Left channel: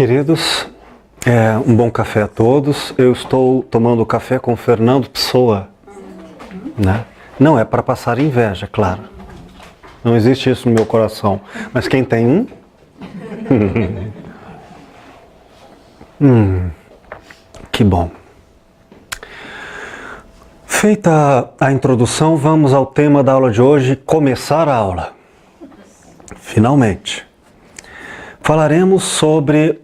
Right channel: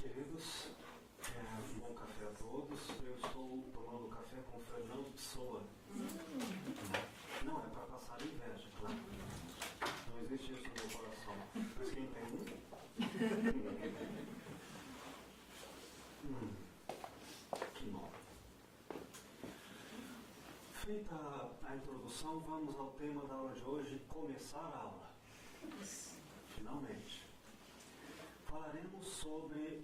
Queridos, um bom café a todos. Eu estou tomando café com Fernando Pessoa, né? Não é para passar inveja, claro. Não existe isso no meu coração. Mas quem tem um? Que bom. Feita a introdução, vamos ao tema da aula de hoje, começar a aula. Finalmente. Falaremos sobre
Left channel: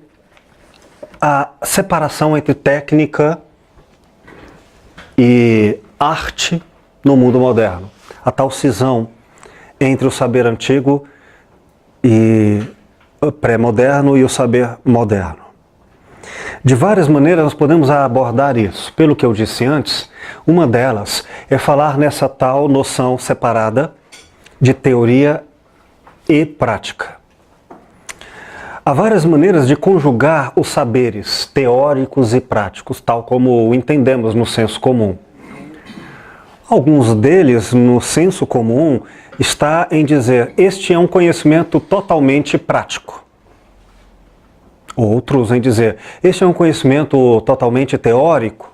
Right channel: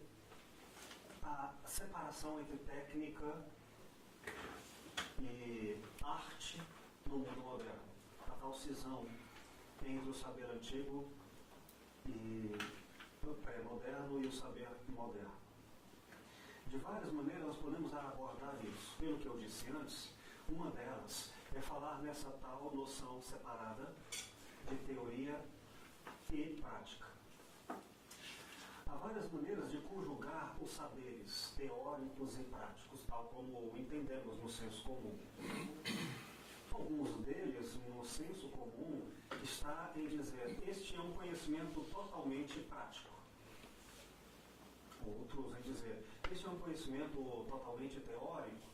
a separação entre técnica e arte no mundo moderno. A tal cisão entre o saber antigo e pré-moderno e o saber moderno. De várias maneiras nós podemos abordar isso. Pelo que eu disse antes, uma delas é falar nessa tal noção separada de teoria e prática. Há várias maneiras de conjugar os saberes teóricos e práticos, tal como o entendemos no senso comum. Alguns deles, no senso comum, está em dizer, este é um conhecimento totalmente prático. Outros em dizer, este é um conhecimento totalmente teórico.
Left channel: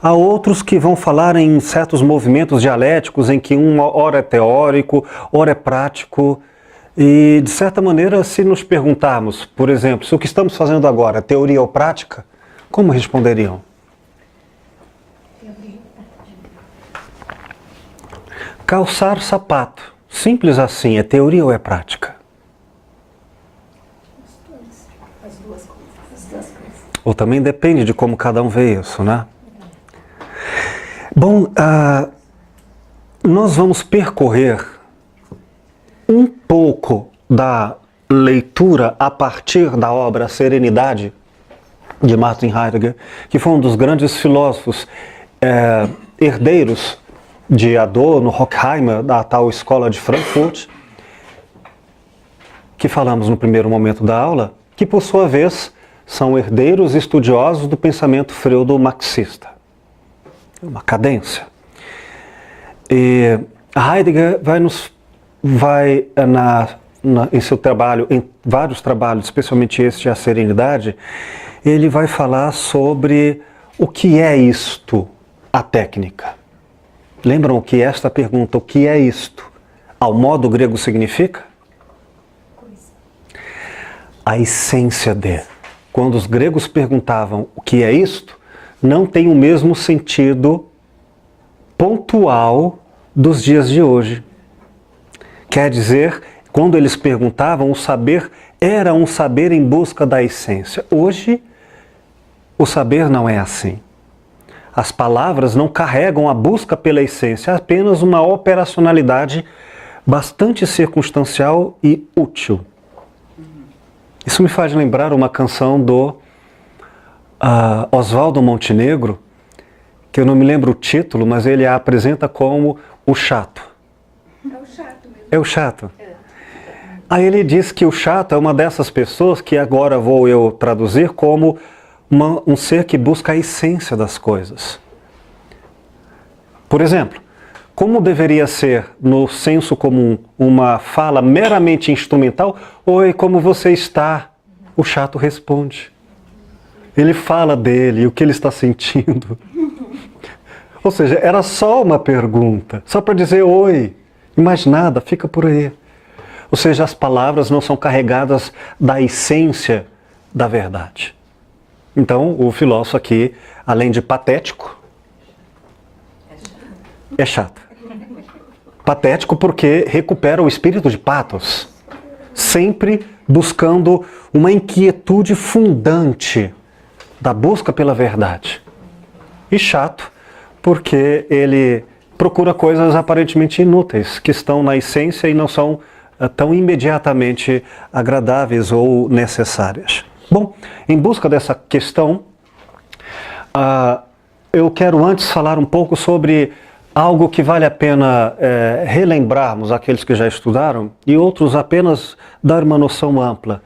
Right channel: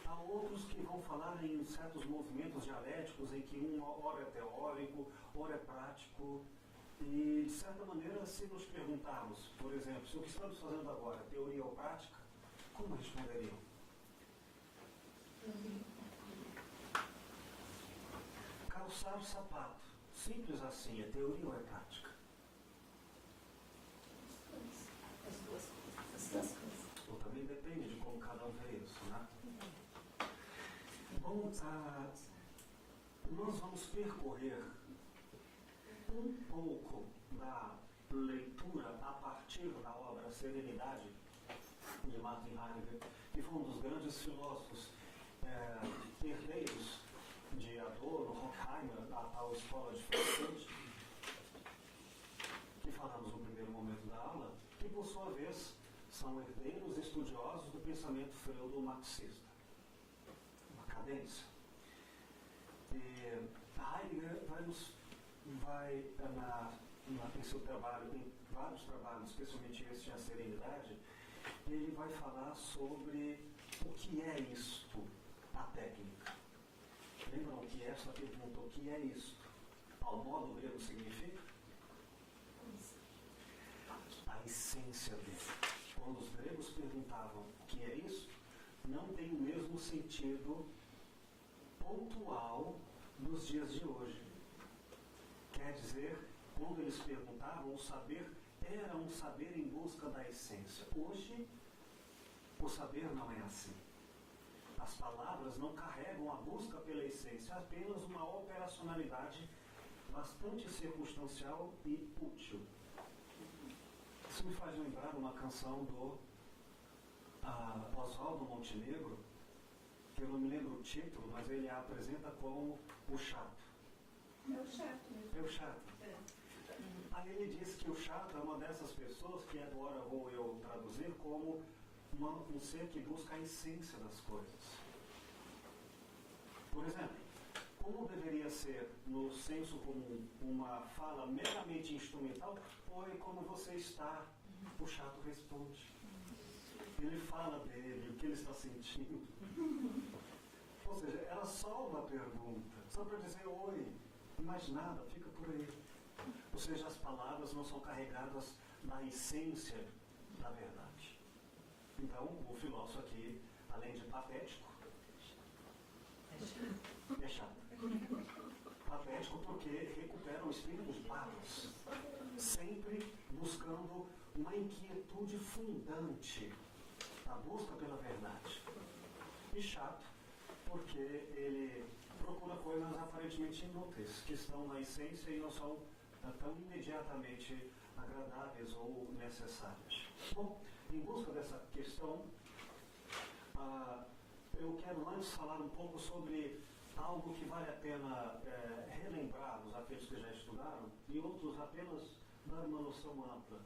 Há outros que vão falar em certos movimentos dialéticos em que uma hora é teórico, hora é prático. E, de certa maneira, se nos perguntarmos, por exemplo, se o que estamos fazendo agora é teoria ou prática, como responderiam? Calçar sapato, simples assim, é teoria ou é prática? As duas coisas. Ou também depende de como cada um vê isso, né? Bom, nós vamos percorrer um pouco da leitura a partir da obra Serenidade, de Martin Heidegger, que foi um dos grandes filósofos herdeiros de Adorno, Horkheimer, da tal escola de Frankfurt, que falamos no primeiro momento da aula, que por sua vez são herdeiros estudiosos do pensamento freudo-marxista. Uma cadência. E Heidegger vai em seu trabalho, em vários trabalhos, especialmente este, A Serenidade, ele vai falar sobre o que é isto, a técnica. Lembram o que é esta pergunta, o que é isto? Ao modo grego significa? A essência de. Quando os gregos perguntavam o que é isto, não tem o mesmo sentido pontual dos dias de hoje. Quer dizer, quando eles perguntavam, o saber era um saber em busca da essência. Hoje, o saber não é assim. As palavras não carregam a busca pela essência, é apenas uma operacionalidade bastante circunstancial e útil. Isso me faz lembrar uma canção do Oswaldo Montenegro, que eu não me lembro o título, mas ele a apresenta como o chato. É o chato mesmo. É o chato. Aí ele diz que o chato é uma dessas pessoas que agora vou eu traduzir como um ser que busca a essência das coisas. Por exemplo, como deveria ser no senso comum uma fala meramente instrumental? Oi, como você está? O chato responde. Ele fala dele, o que ele está sentindo. Ou seja, era só uma pergunta, só para dizer oi, e mais nada, fica por aí. Ou seja, as palavras não são carregadas da essência da verdade. Então, o filósofo aqui, além de patético, é chato. Patético porque recupera o espírito de pathos, sempre buscando uma inquietude fundante da busca pela verdade. E chato porque ele procura coisas aparentemente inúteis, que estão na essência e não são tão imediatamente agradáveis ou necessárias. Bom, em busca dessa questão, eu quero antes falar um pouco sobre algo que vale a pena relembrarmos aqueles que já estudaram e outros apenas dar uma noção ampla.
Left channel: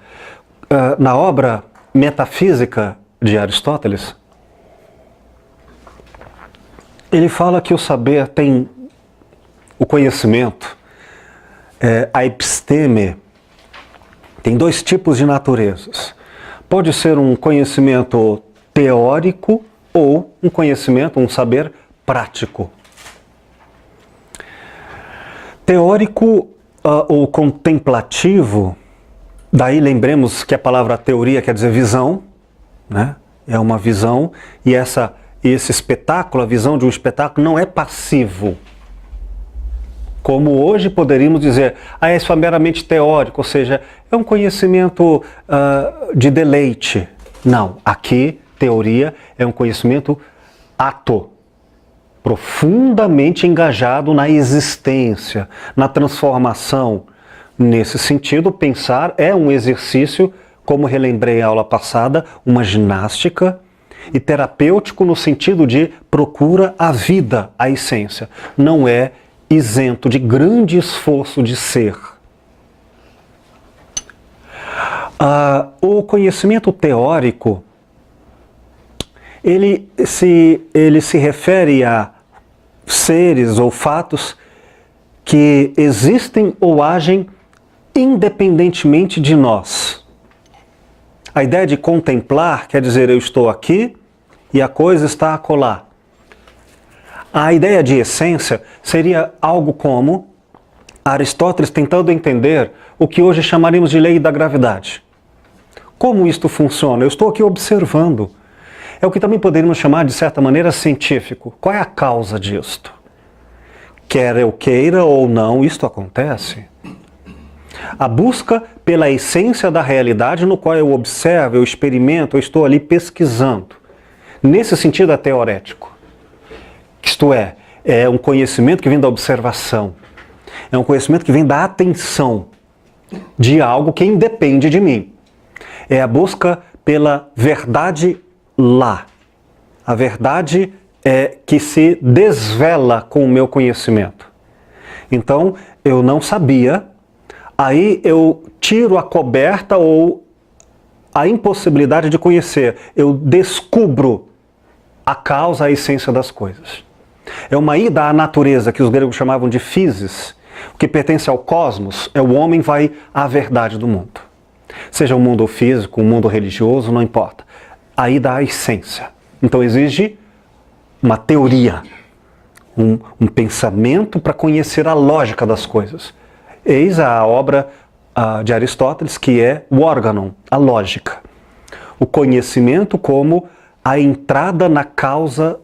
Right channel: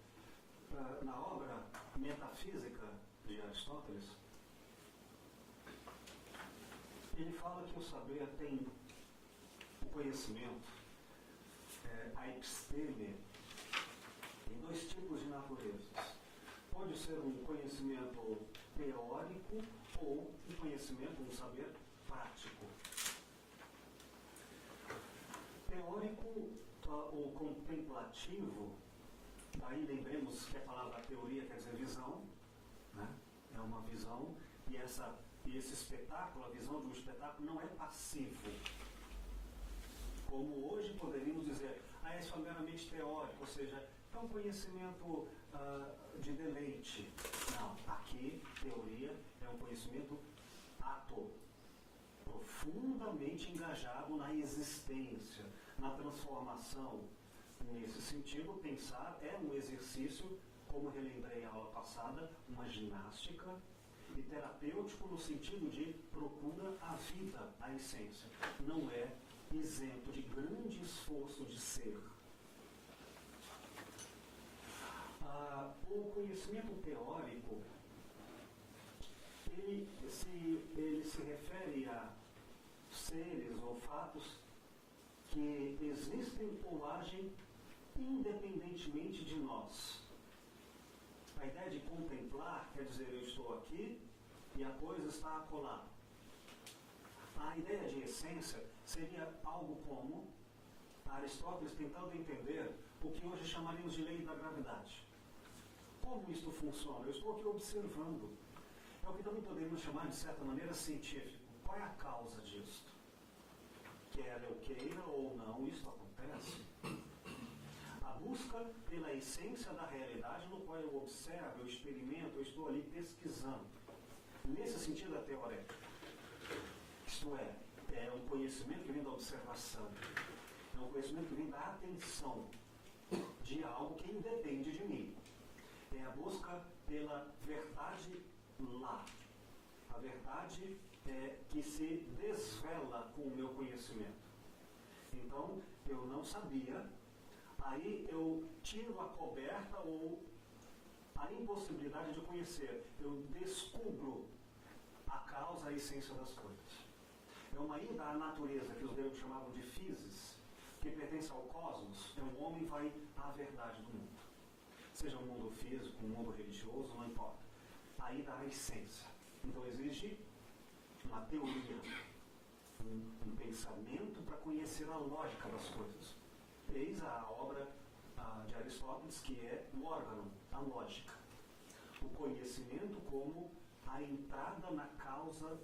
Na obra Metafísica de Aristóteles, ele fala que o saber tem o conhecimento, a episteme, tem dois tipos de naturezas. pode ser um conhecimento teórico ou um conhecimento, um saber prático. Teórico ou contemplativo, daí lembremos que a palavra teoria quer dizer visão, né? É uma visão, e esse espetáculo, a visão de um espetáculo, não é passivo. Como hoje poderíamos dizer, isso é meramente teórico, ou seja, é um conhecimento de deleite. Não, aqui, teoria é um conhecimento ato, profundamente engajado na existência, na transformação. Nesse sentido, pensar é um exercício, como relembrei a aula passada, uma ginástica, e terapêutico no sentido de procura a vida, a essência. Não é isento de grande esforço de ser. O conhecimento teórico, ele se refere a seres ou fatos que existem ou agem independentemente de nós. A ideia de contemplar quer dizer eu estou aqui e a coisa está acolá. A ideia de essência seria algo como Aristóteles tentando entender o que hoje chamaríamos de lei da gravidade. Como isto funciona? Eu estou aqui observando. É o que também poderíamos chamar, de certa maneira, científico. Qual é a causa disto? Quer eu queira ou não, isto acontece. A busca pela essência da realidade no qual eu observo, eu experimento, eu estou ali pesquisando. Nesse sentido é teorético. Isto é um conhecimento que vem da observação. É um conhecimento que vem da atenção de algo que independe de mim. É a busca pela verdade lá. A verdade que se desvela com o meu conhecimento. Então, eu não sabia, aí eu tiro a coberta ou a impossibilidade de conhecer. Eu descubro a causa, a essência das coisas. É uma ida à natureza, que os gregos chamavam de physis. O que pertence ao cosmos é o homem vai à verdade do mundo. Seja o mundo físico, o mundo religioso, não importa. A ida à essência. Então exige uma teoria, um pensamento para conhecer a lógica das coisas. Eis a obra de Aristóteles, que é o organon, a lógica. O conhecimento como a entrada na causa,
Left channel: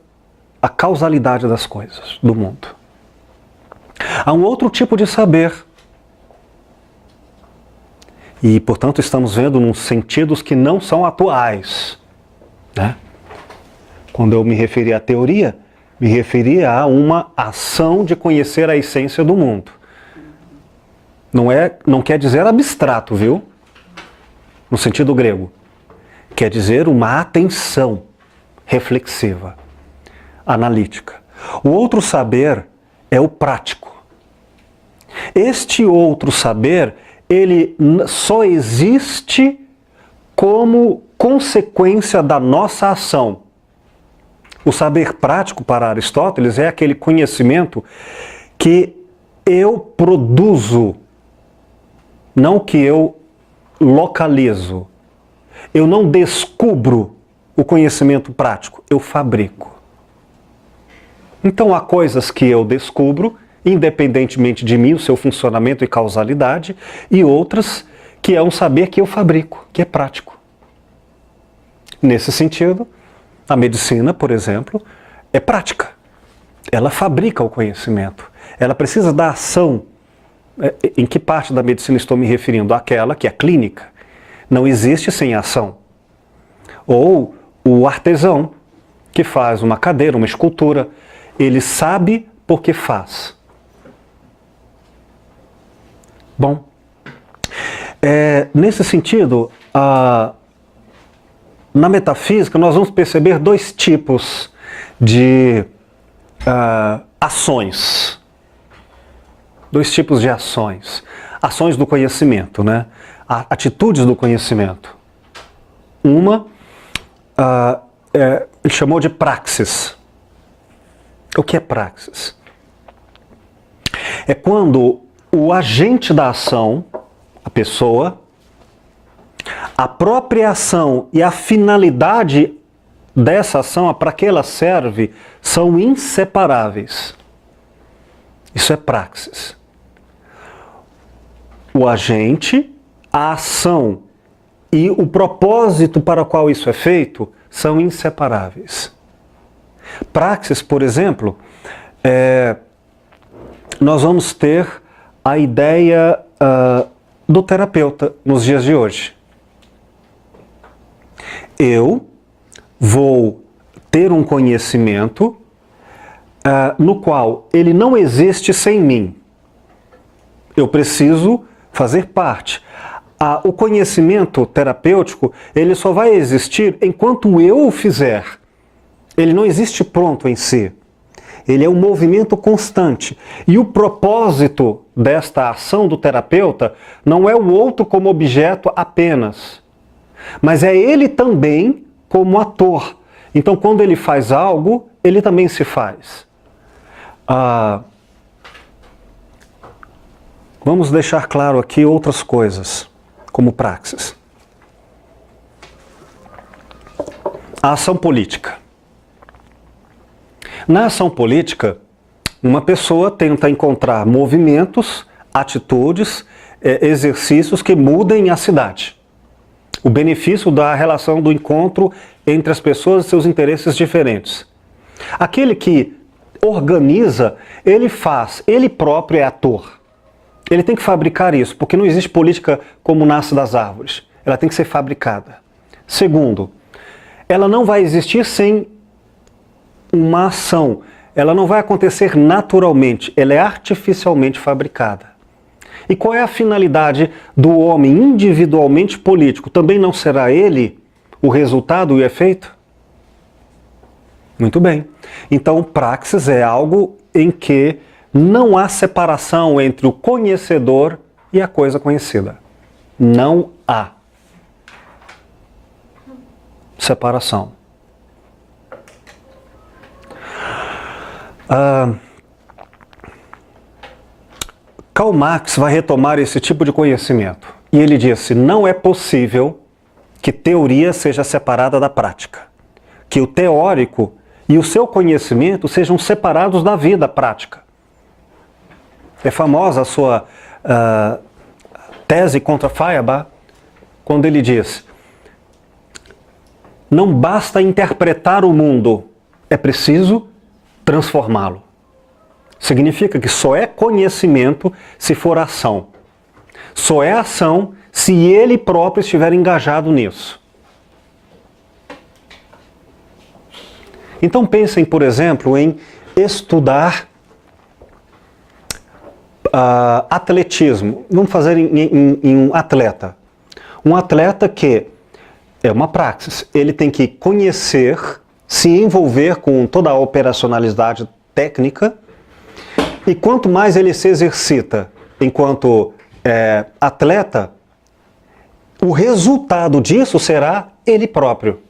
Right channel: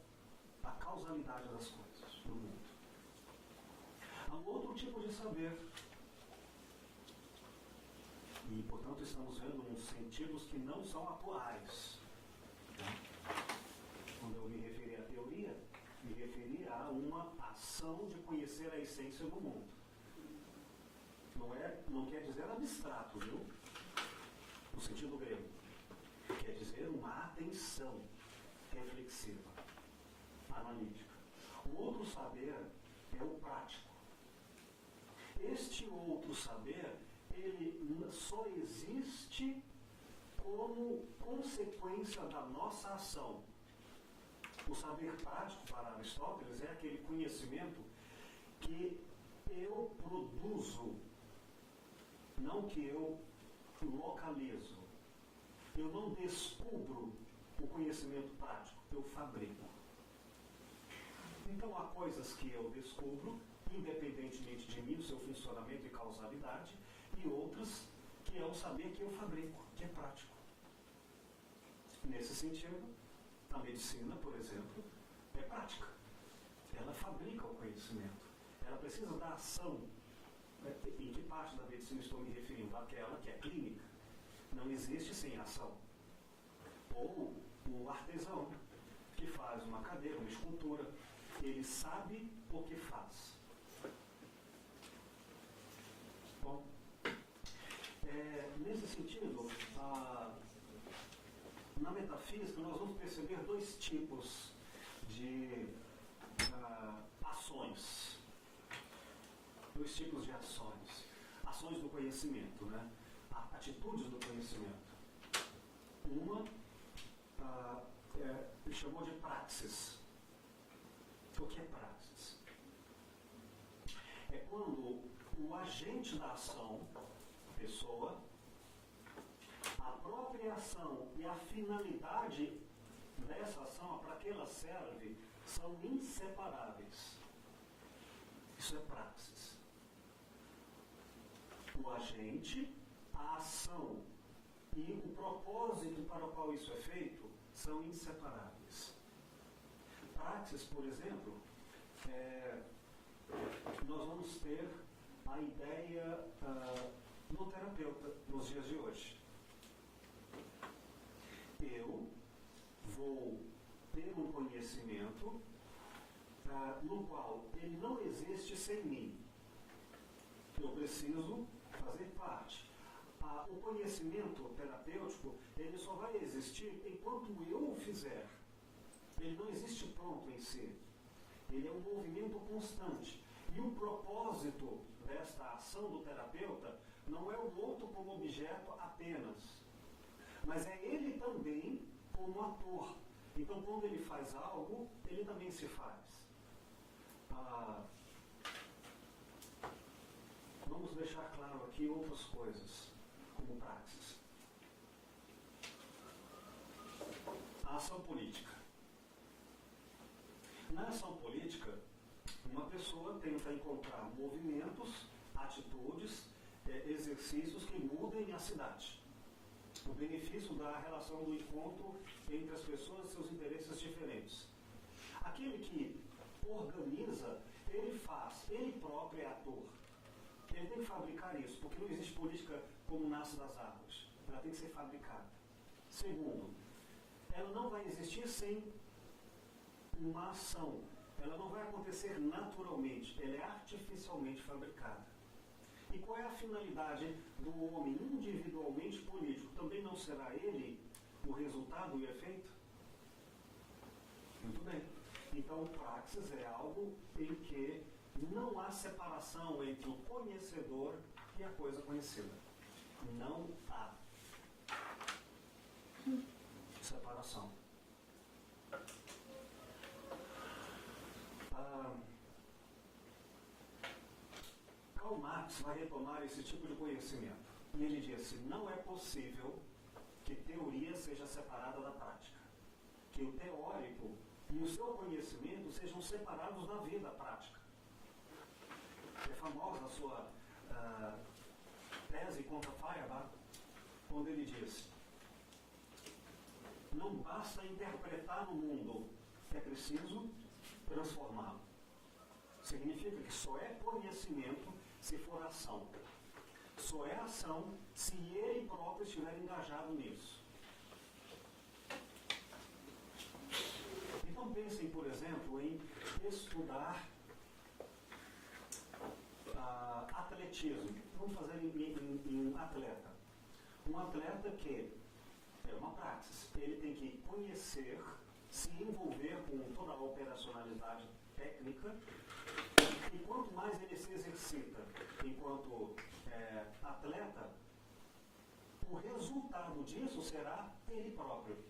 a causalidade das coisas, do mundo. Há um outro tipo de saber. E, portanto, estamos vendo nos sentidos que não são atuais, né? Quando eu me referi à teoria, me referi a uma ação de conhecer a essência do mundo. Não quer dizer abstrato, viu? No sentido grego. Quer dizer uma atenção reflexiva, analítica. O outro saber é o prático. Este outro saber, ele só existe como consequência da nossa ação. O saber prático para Aristóteles é aquele conhecimento que eu produzo, não que eu localizo. Eu não descubro o conhecimento prático, eu fabrico. Então há coisas que eu descubro, independentemente de mim, o seu funcionamento e causalidade, e outras que é um saber que eu fabrico, que é prático. Nesse sentido, a medicina, por exemplo, é prática. Ela fabrica o conhecimento. Ela precisa da ação. Em que parte da medicina estou me referindo? Aquela que é clínica. Não existe sem ação. Ou o artesão, que faz uma cadeira, uma escultura, ele sabe porque faz. Bom, nesse sentido, na metafísica nós vamos perceber dois tipos de ações. Dois tipos de ações. Ações do conhecimento, né? Atitudes do conhecimento. Uma, ele chamou de praxis. O que é praxis? É quando o agente da ação, a pessoa, a própria ação e a finalidade dessa ação, para que ela serve, são inseparáveis. Isso é praxis. O agente, a ação e o propósito para o qual isso é feito são inseparáveis. Praxis, por exemplo, nós vamos ter a ideia do terapeuta nos dias de hoje. Eu vou ter um conhecimento no qual ele não existe sem mim. Eu preciso fazer parte. O conhecimento terapêutico, ele só vai existir enquanto eu o fizer. Ele não existe pronto em si. Ele é um movimento constante. E o propósito desta ação do terapeuta não é o outro como objeto apenas, mas é ele também como ator. Então, quando ele faz algo, ele também se faz. Vamos deixar claro aqui outras coisas, como praxis. A ação política. Na ação política, uma pessoa tenta encontrar movimentos, atitudes, exercícios que mudem a cidade. O benefício da relação do encontro entre as pessoas e seus interesses diferentes. Aquele que organiza, ele faz, ele próprio é ator. Ele tem que fabricar isso, porque não existe política como nasce das árvores. Ela tem que ser fabricada. Segundo, ela não vai existir sem uma ação. Ela não vai acontecer naturalmente, ela é artificialmente fabricada. E qual é a finalidade do homem individualmente político? Também não será ele o resultado e o efeito? Muito bem. Então, praxis é algo em que não há separação entre o conhecedor e a coisa conhecida. Não há separação. Karl Marx vai retomar esse tipo de conhecimento. E ele disse, não é possível que teoria seja separada da prática. Que o teórico e o seu conhecimento sejam separados da vida prática. É famosa a sua tese contra Feuerbach, quando ele diz, não basta interpretar o mundo, é preciso transformá-lo. Significa que só é conhecimento se for ação. Só é ação se ele próprio estiver engajado nisso. Então pensem, por exemplo, em estudar atletismo. Vamos fazer em um atleta. Um atleta que é uma praxis. Ele tem que conhecer, se envolver com toda a operacionalidade técnica. E quanto mais ele se exercita enquanto atleta, o resultado disso será ele próprio.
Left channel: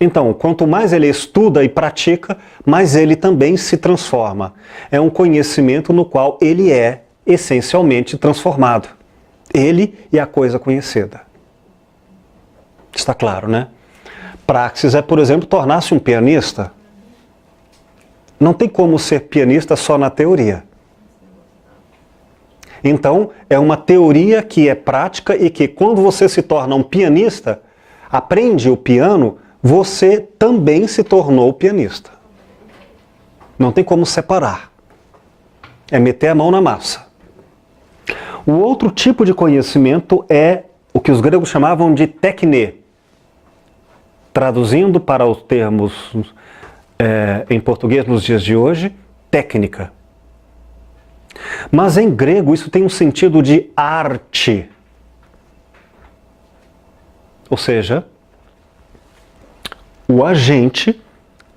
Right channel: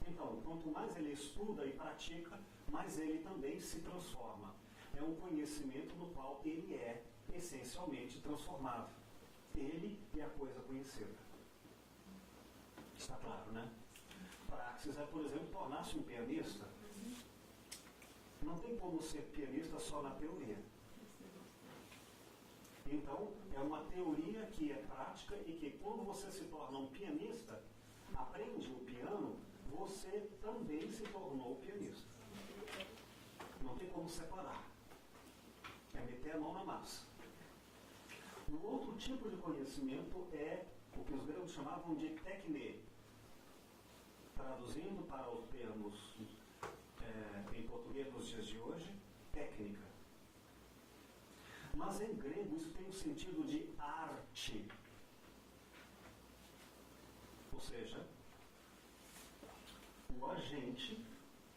Então, quanto mais ele estuda e pratica, mais ele também se transforma. É um conhecimento no qual ele é essencialmente transformado. Ele e a coisa conhecida. Está claro, né? Praxis é, por exemplo, tornar-se um pianista. Não tem como ser pianista só na teoria. Então, é uma teoria que é prática e que quando você se torna um pianista, aprende o piano, você também se tornou pianista. Não tem como separar. É meter a mão na massa. O outro tipo de conhecimento é o que os gregos chamavam de tekne. Traduzindo para os termos em português nos dias de hoje, técnica. Mas em grego isso tem um sentido de arte. Ou seja, o agente,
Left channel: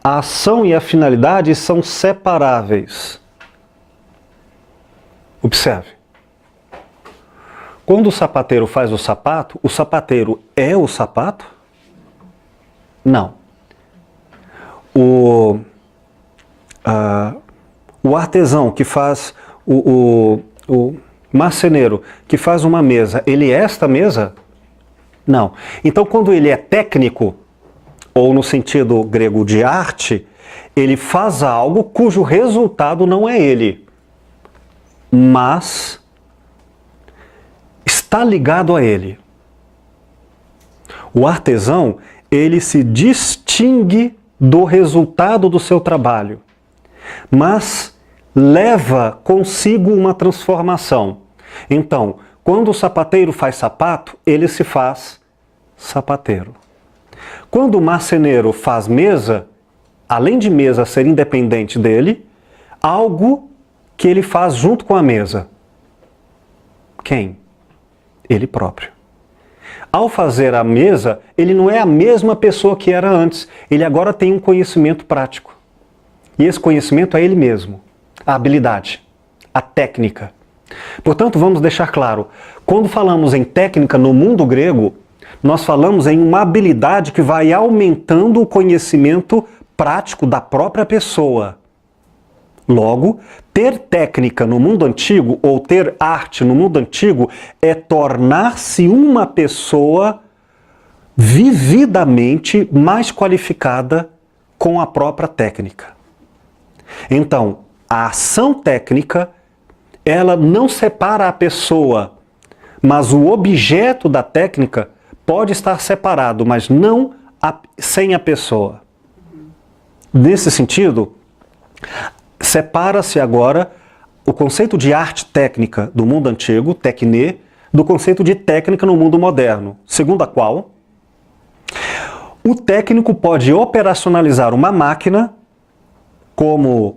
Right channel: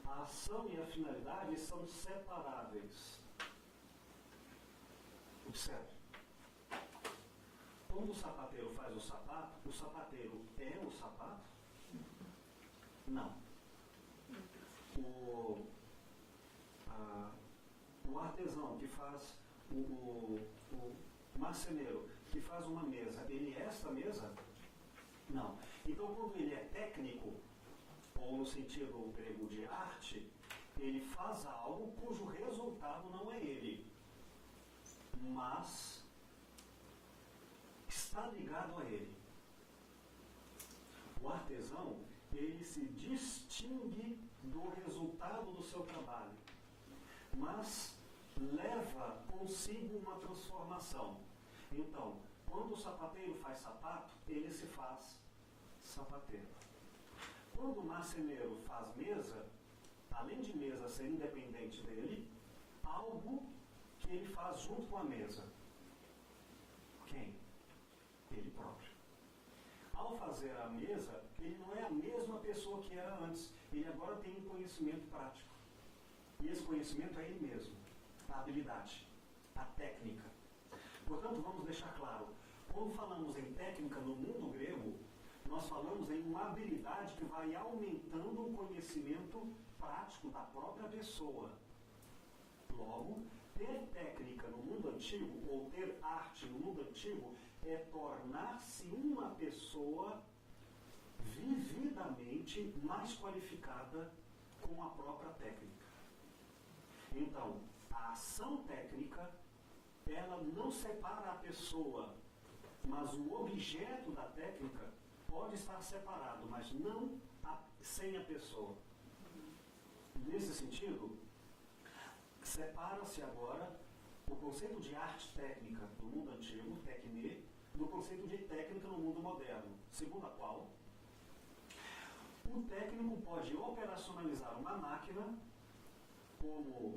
a ação e a finalidade são separáveis. Observe. Quando o sapateiro faz o sapateiro é o sapato? Não. O artesão que faz, o marceneiro que faz uma mesa, ele é esta mesa? Não. Então, quando ele é técnico, ou no sentido grego de arte, ele faz algo cujo resultado não é ele, mas está ligado a ele. O artesão, ele se distingue do resultado do seu trabalho, mas leva consigo uma transformação. Então, quando o sapateiro faz sapato, ele se faz sapateiro. Quando o marceneiro faz mesa, além de mesa ser independente dele, algo que ele faz junto com a mesa. Quem? Ele próprio. Ao fazer a mesa, ele não é a mesma pessoa que era antes. Ele agora tem um conhecimento prático. E esse conhecimento é ele mesmo. A habilidade, a técnica. Portanto, vamos deixar claro, quando falamos em técnica no mundo grego, nós falamos em uma habilidade que vai aumentando o conhecimento prático da própria pessoa. Logo, ter técnica no mundo antigo, ou ter arte no mundo antigo, é tornar-se uma pessoa vividamente mais qualificada com a própria técnica. Então, a ação técnica, ela não separa a pessoa, mas o objeto da técnica pode estar separado, mas não sem a pessoa. Nesse sentido, separa-se agora o conceito de arte técnica do mundo antigo, techné, do conceito de técnica no mundo moderno, segundo a qual o técnico pode operacionalizar uma máquina como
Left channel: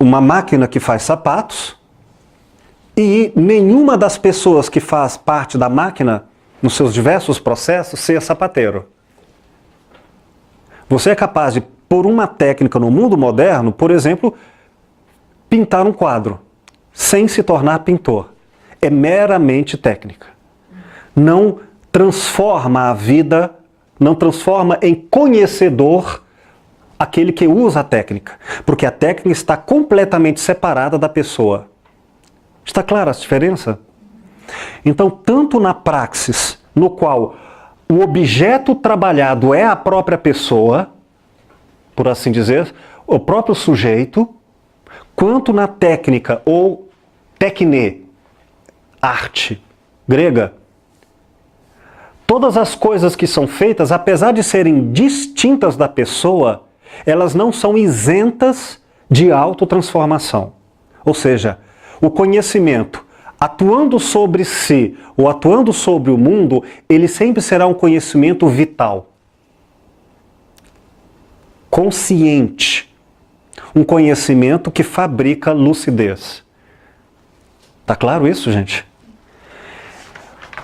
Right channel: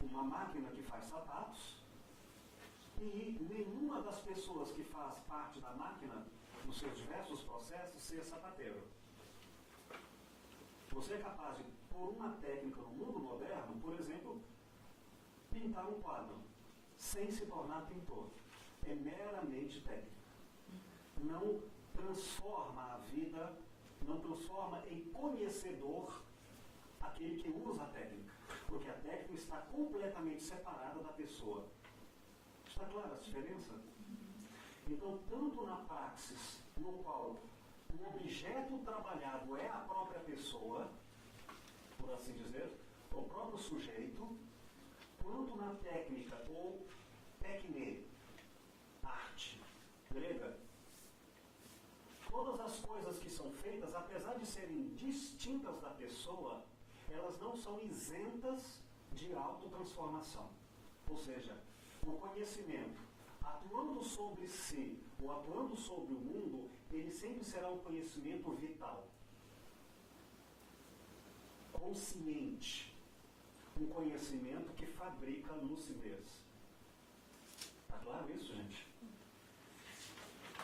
uma máquina que faz sapatos e nenhuma das pessoas que faz parte da máquina, nos seus diversos processos, ser sapateiro. Você é capaz de, por uma técnica no mundo moderno, por exemplo, pintar um quadro, sem se tornar pintor. É meramente técnica. Não transforma a vida, não transforma em conhecedor aquele que usa a técnica, porque a técnica está completamente separada da pessoa. Está clara a diferença? Então, tanto na praxis, no qual o objeto trabalhado é a própria pessoa, por assim dizer, o próprio sujeito, quanto na técnica ou techné, arte grega, todas as coisas que são feitas, apesar de serem distintas da pessoa, elas não são isentas de autotransformação. Ou seja, o conhecimento, atuando sobre si ou atuando sobre o mundo, ele sempre será um conhecimento vital, consciente, um conhecimento que fabrica lucidez. Tá claro isso, gente?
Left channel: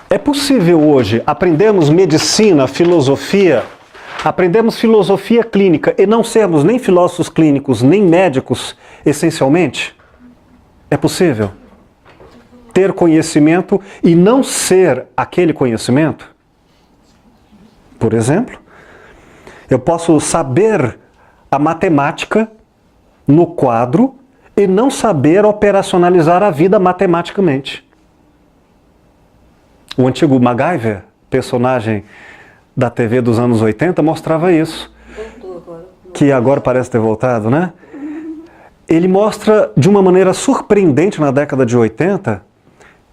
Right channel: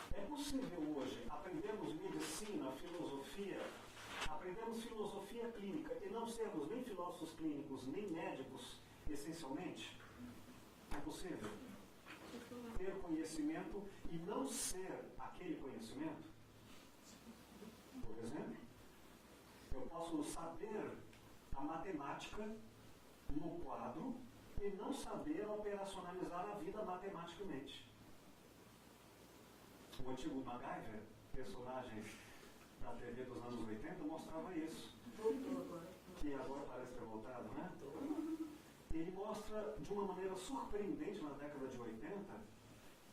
É possível hoje aprendermos medicina, filosofia, aprendemos filosofia clínica e não sermos nem filósofos clínicos, nem médicos, essencialmente? É possível ter conhecimento e não ser aquele conhecimento? Por exemplo, eu posso saber a matemática no quadro e não saber operacionalizar a vida matematicamente. O antigo MacGyver, personagem da TV dos anos 80, mostrava isso. Que agora parece ter voltado, né? Ele mostra de uma maneira surpreendente na década de 80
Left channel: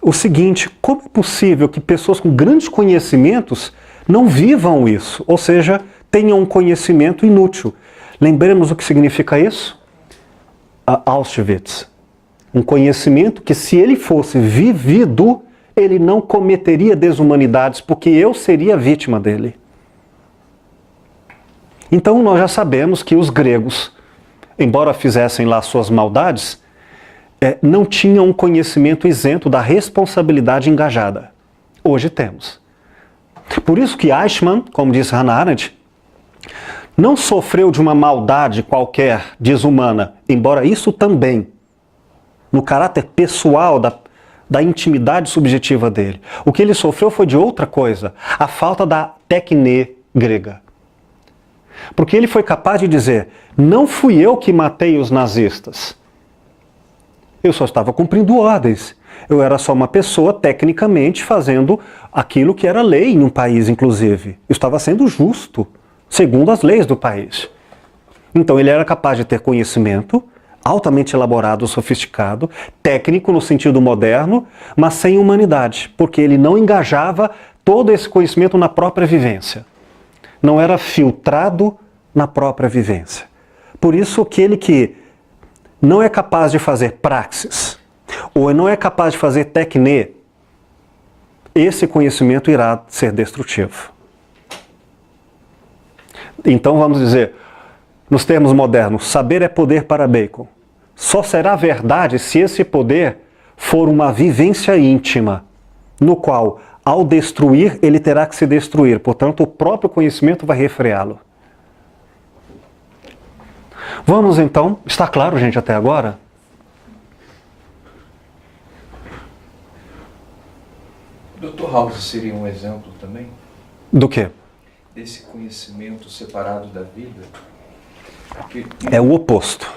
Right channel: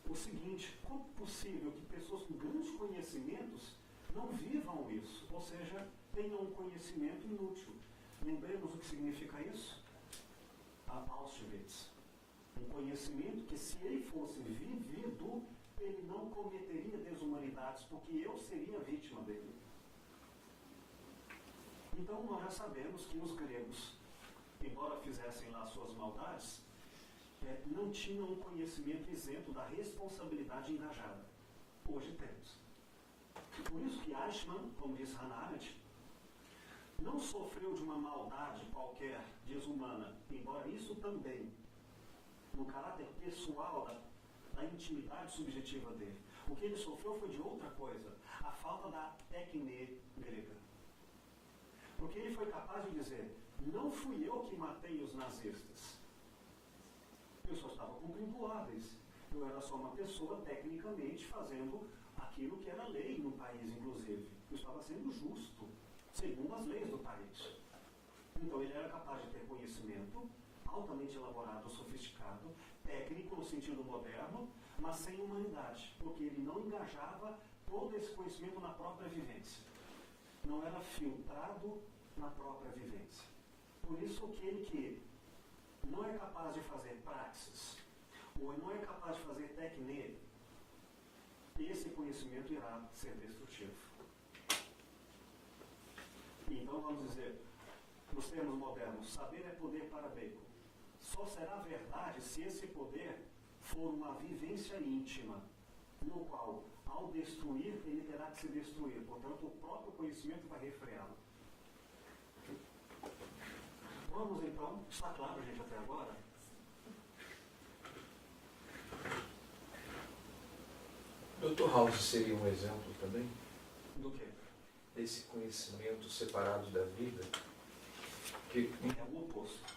o seguinte: como é possível que pessoas com grandes conhecimentos não vivam isso? Ou seja, tenham um conhecimento inútil. Lembremos o que significa isso? Auschwitz. Um conhecimento que, se ele fosse vivido, ele não cometeria desumanidades, porque eu seria vítima dele. Então nós já sabemos que os gregos, embora fizessem lá suas maldades, não tinham um conhecimento isento da responsabilidade engajada. Hoje temos. Por isso que Eichmann, como disse Hannah Arendt, não sofreu de uma maldade qualquer desumana, embora isso também, no caráter pessoal da intimidade subjetiva dele. O que ele sofreu foi de outra coisa, a falta da techné grega. Porque ele foi capaz de dizer: não fui eu que matei os nazistas. Eu só estava cumprindo ordens. Eu era só uma pessoa, tecnicamente, fazendo aquilo que era lei em um país, inclusive. Estava sendo justo, segundo as leis do país. Então ele era capaz de ter conhecimento, altamente elaborado, sofisticado, técnico no sentido moderno, mas sem humanidade, porque ele não engajava todo esse conhecimento na própria vivência. Não era filtrado na própria vivência. Por isso, aquele que não é capaz de fazer praxis, ou não é capaz de fazer tecne, esse conhecimento irá ser destrutivo. Então vamos dizer, nos termos modernos, saber é poder para Bacon. Só será verdade se esse poder for uma vivência íntima, no qual, ao destruir, ele terá que se destruir. Portanto, o próprio conhecimento vai refreá-lo. Vamos então, está claro, gente, até agora? Dr. House seria um exemplo também? Do quê? Desse conhecimento separado da vida? Porque É o oposto.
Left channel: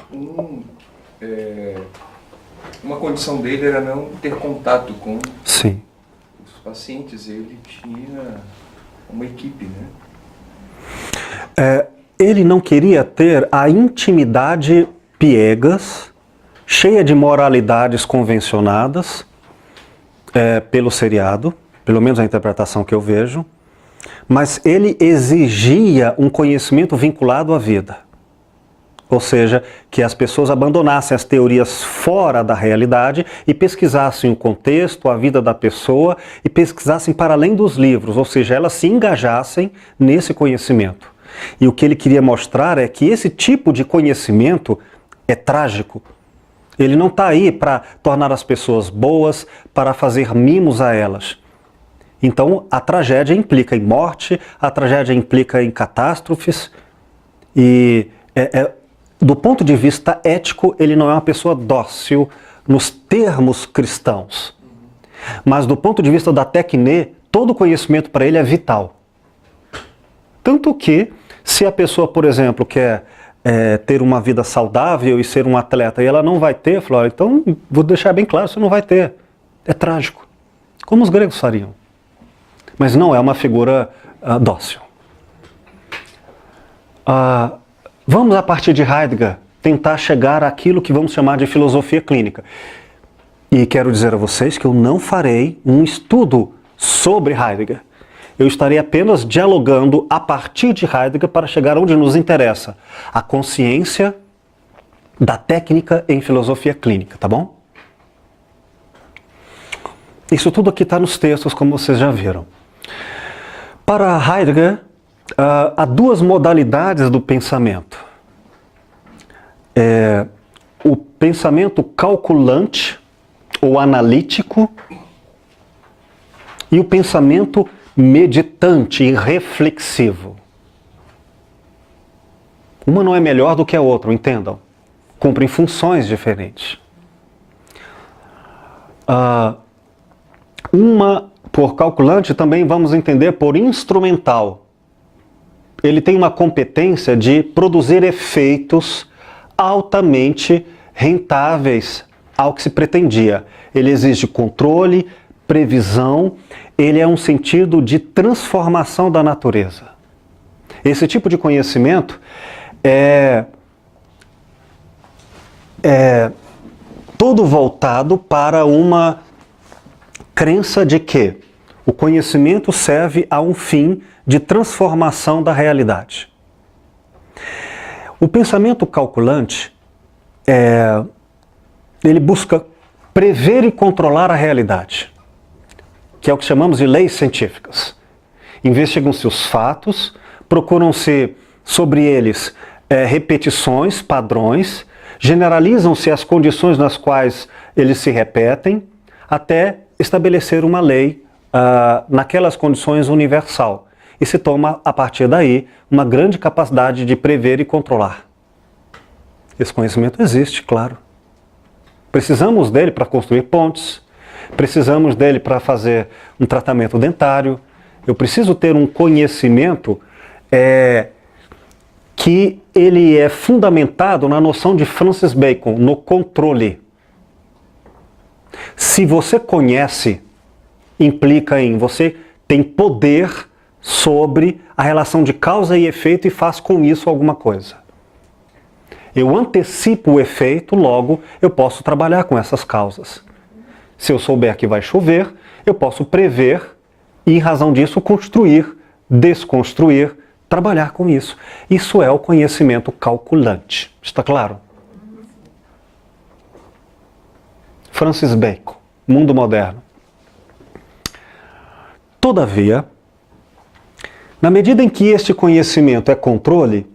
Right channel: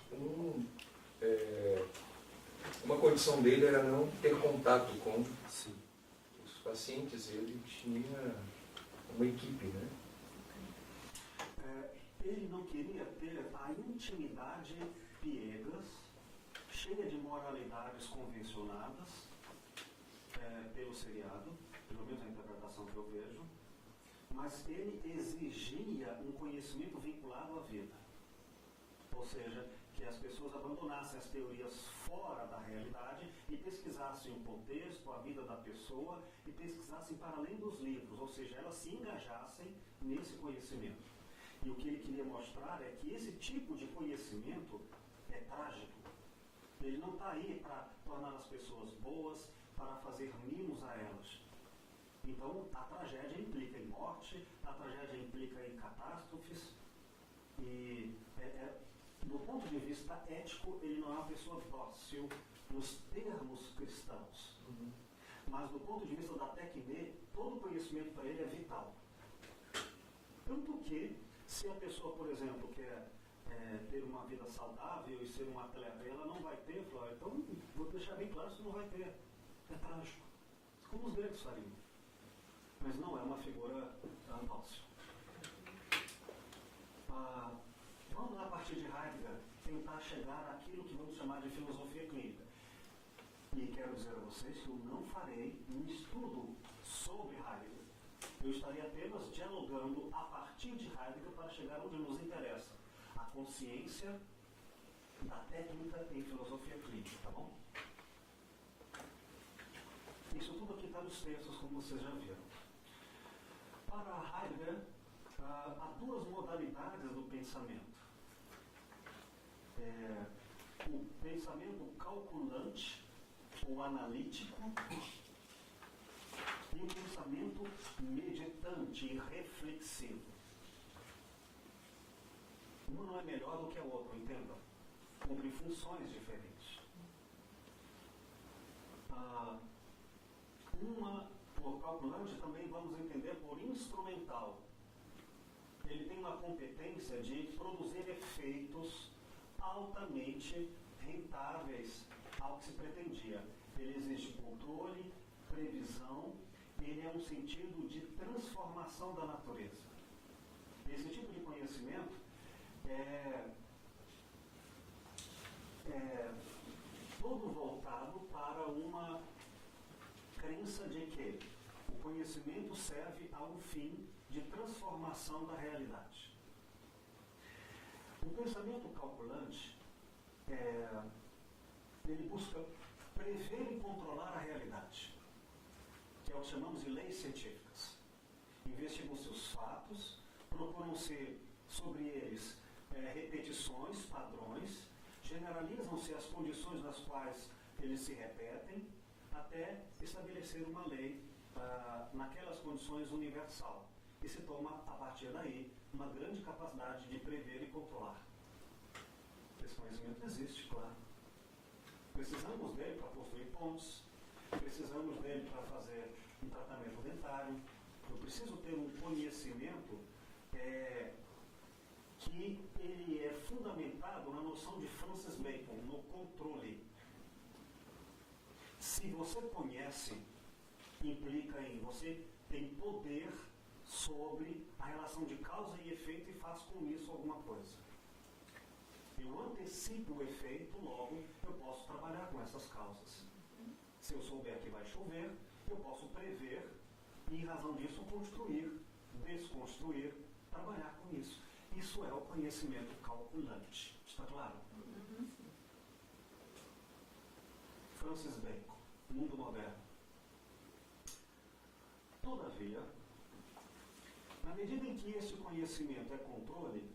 uma condição dele era não ter contato com Sim. os pacientes. Ele tinha uma equipe, né? Ele não queria ter a intimidade piegas, cheia de moralidades convencionadas pelo seriado, pelo menos a interpretação que eu vejo, mas ele exigia um conhecimento vinculado à vida. Ou seja, que as pessoas abandonassem as teorias fora da realidade e pesquisassem o contexto, a vida da pessoa e pesquisassem para além dos livros, ou seja, elas se engajassem nesse conhecimento. E o que ele queria mostrar é que esse tipo de conhecimento é trágico. Ele não está aí para tornar as pessoas boas, para fazer mimos a elas. Então, a tragédia implica em morte, a tragédia implica em catástrofes e do ponto de vista ético, ele não é uma pessoa dócil nos termos cristãos. Mas do ponto de vista da tecne, todo conhecimento para ele é vital. Tanto que, se a pessoa, por exemplo, quer ter uma vida saudável e ser um atleta e ela não vai ter, fala, então vou deixar bem claro, você não vai ter. É trágico. Como os gregos fariam. Mas não é uma figura dócil. Vamos, a partir de Heidegger, tentar chegar àquilo que vamos chamar de filosofia clínica. E quero dizer a vocês que eu não farei um estudo sobre Heidegger. Eu estarei apenas dialogando a partir de Heidegger para chegar onde nos interessa. A consciência da técnica em filosofia clínica, tá bom? Isso tudo aqui está nos textos, como vocês já viram. Para Heidegger, há duas modalidades do pensamento. O pensamento calculante ou analítico e o pensamento meditante e reflexivo. Uma não é melhor do que a outra, entendam. Cumprem funções diferentes. Uma por calculante também vamos entender por instrumental. Ele tem uma competência de produzir efeitos altamente rentáveis ao que se pretendia. Ele exige controle, previsão, ele é um sentido de transformação da natureza. Esse tipo de conhecimento é todo voltado para uma crença de que o conhecimento serve a um fim de transformação da realidade. O pensamento calculante, ele busca prever e controlar a realidade, que é o que chamamos de leis científicas. Investigam-se os fatos, procuram-se sobre eles repetições, padrões, generalizam-se as condições nas quais eles se repetem, até estabelecer uma lei naquelas condições universal. E se toma, a partir daí, uma grande capacidade de prever e controlar. Esse conhecimento existe, claro. Precisamos dele para construir pontes, precisamos dele para fazer um tratamento dentário. Eu preciso ter um conhecimento que ele é fundamentado na noção de Francis Bacon, no controle. Se você conhece, implica em você tem poder sobre a relação de causa e efeito e faz com isso alguma coisa. Eu antecipo o efeito, logo eu posso trabalhar com essas causas. Se eu souber que vai chover, eu posso prever e, em razão disso, construir, desconstruir, trabalhar com isso. Isso é o conhecimento calculante. Está claro? Francis Bacon, Mundo Moderno. Todavia, na medida em que este conhecimento é controle,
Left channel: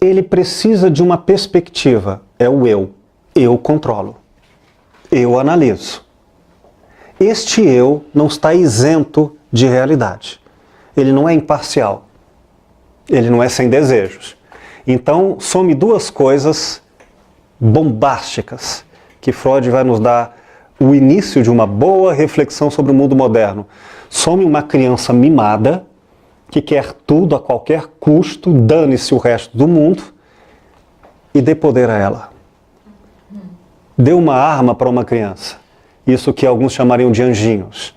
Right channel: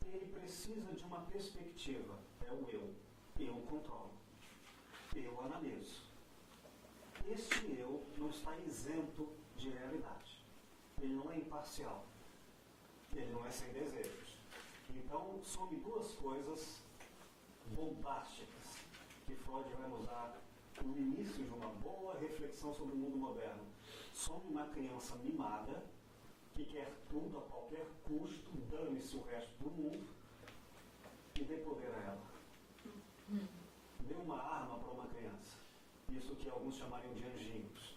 ele precisa de uma perspectiva, é o eu. Eu controlo. Eu analiso. Este eu não está isento de realidade. Ele não é imparcial. Ele não é sem desejos. Então, some duas coisas bombásticas que Freud vai nos dar o início de uma boa reflexão sobre o mundo moderno. Some uma criança mimada que quer tudo a qualquer custo, dane-se o resto do mundo e dê poder a ela. Dê uma arma para uma criança. Isso que alguns chamariam de anjinhos.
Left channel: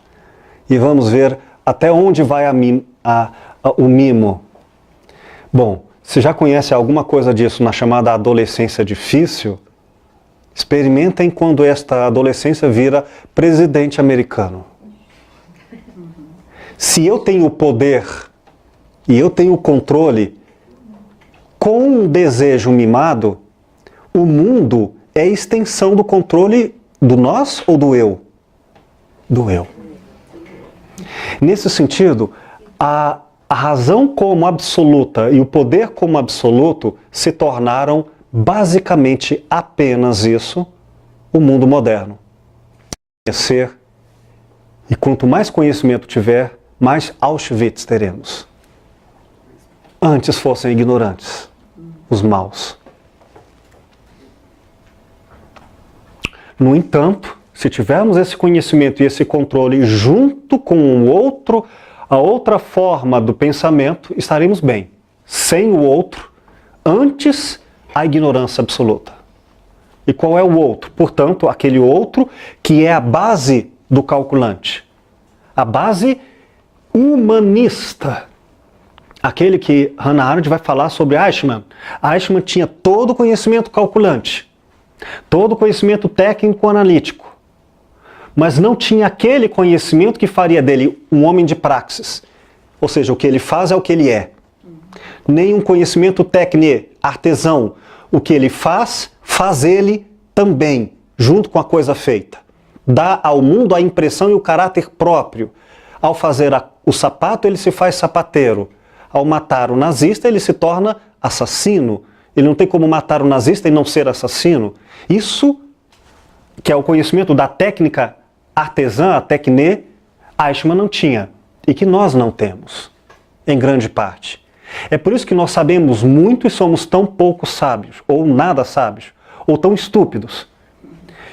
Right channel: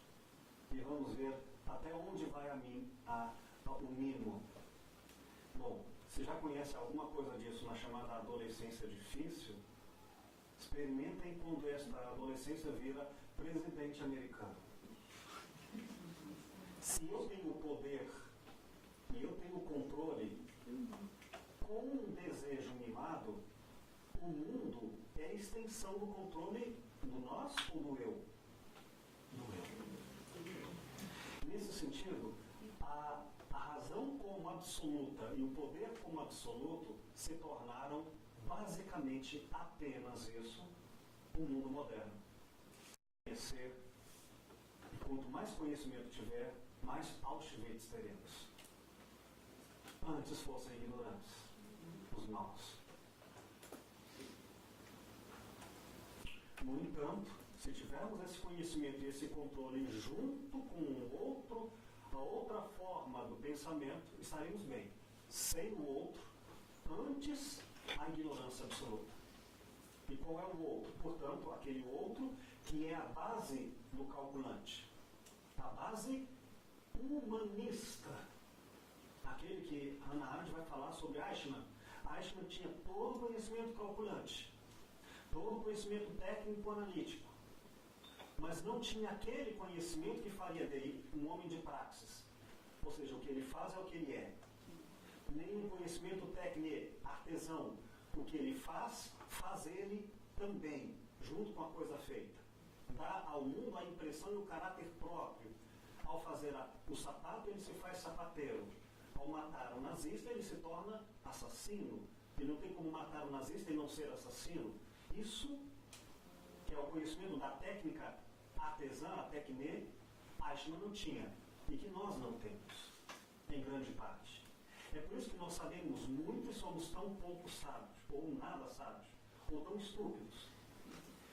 E vamos ver até onde vai o mimo. Bom, se já conhece alguma coisa disso na chamada adolescência difícil, experimentem quando esta adolescência vira presidente americano. Se eu tenho o poder e eu tenho o controle, com um desejo mimado, o mundo é extensão do controle do nós ou do eu? Do eu. Nesse sentido, a razão como absoluta e o poder como absoluto se tornaram basicamente apenas isso, o mundo moderno. Conhecer, e quanto mais conhecimento tiver, mais Auschwitz teremos. Antes fossem ignorantes, os maus. No entanto, se tivermos esse conhecimento e esse controle junto com a outra forma do pensamento, estaremos bem. Sem o outro, antes a ignorância absoluta. E qual é o outro? Portanto, aquele outro que é a base do calculante. A base humanista. Aquele que Hannah Arendt vai falar sobre Eichmann. Eichmann tinha todo o conhecimento calculante, todo o conhecimento técnico-analítico, mas não tinha aquele conhecimento que faria dele um homem de praxis. Ou seja, o que ele faz é o que ele é. Nem um conhecimento técnico, artesão. O que ele faz, faz ele também, junto com a coisa feita. Dá ao mundo a impressão e o caráter próprio. Ao fazer o sapato, ele se faz sapateiro. Ao matar o nazista, ele se torna assassino. Ele não tem como matar o nazista e não ser assassino. Isso, que é o conhecimento da técnica artesã, a techné, Eichmann não tinha. E que nós não temos, em grande parte. É por isso que nós sabemos muito e somos tão pouco sábios, ou nada sábios, ou tão estúpidos.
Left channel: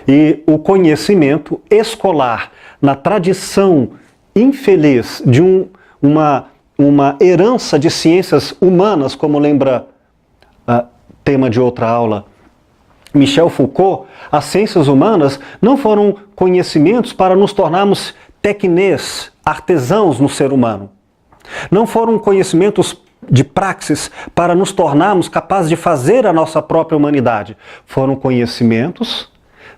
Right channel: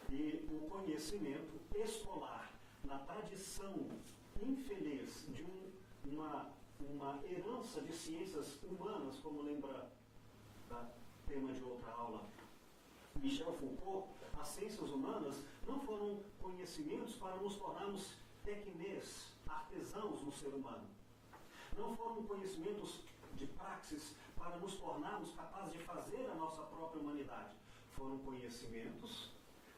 E o conhecimento escolar, na tradição infeliz de uma herança de ciências humanas, como lembra tema de outra aula, Michel Foucault, as ciências humanas não foram conhecimentos para nos tornarmos technés, artesãos no ser humano. Não foram conhecimentos de praxis para nos tornarmos capazes de fazer a nossa própria humanidade. Foram conhecimentos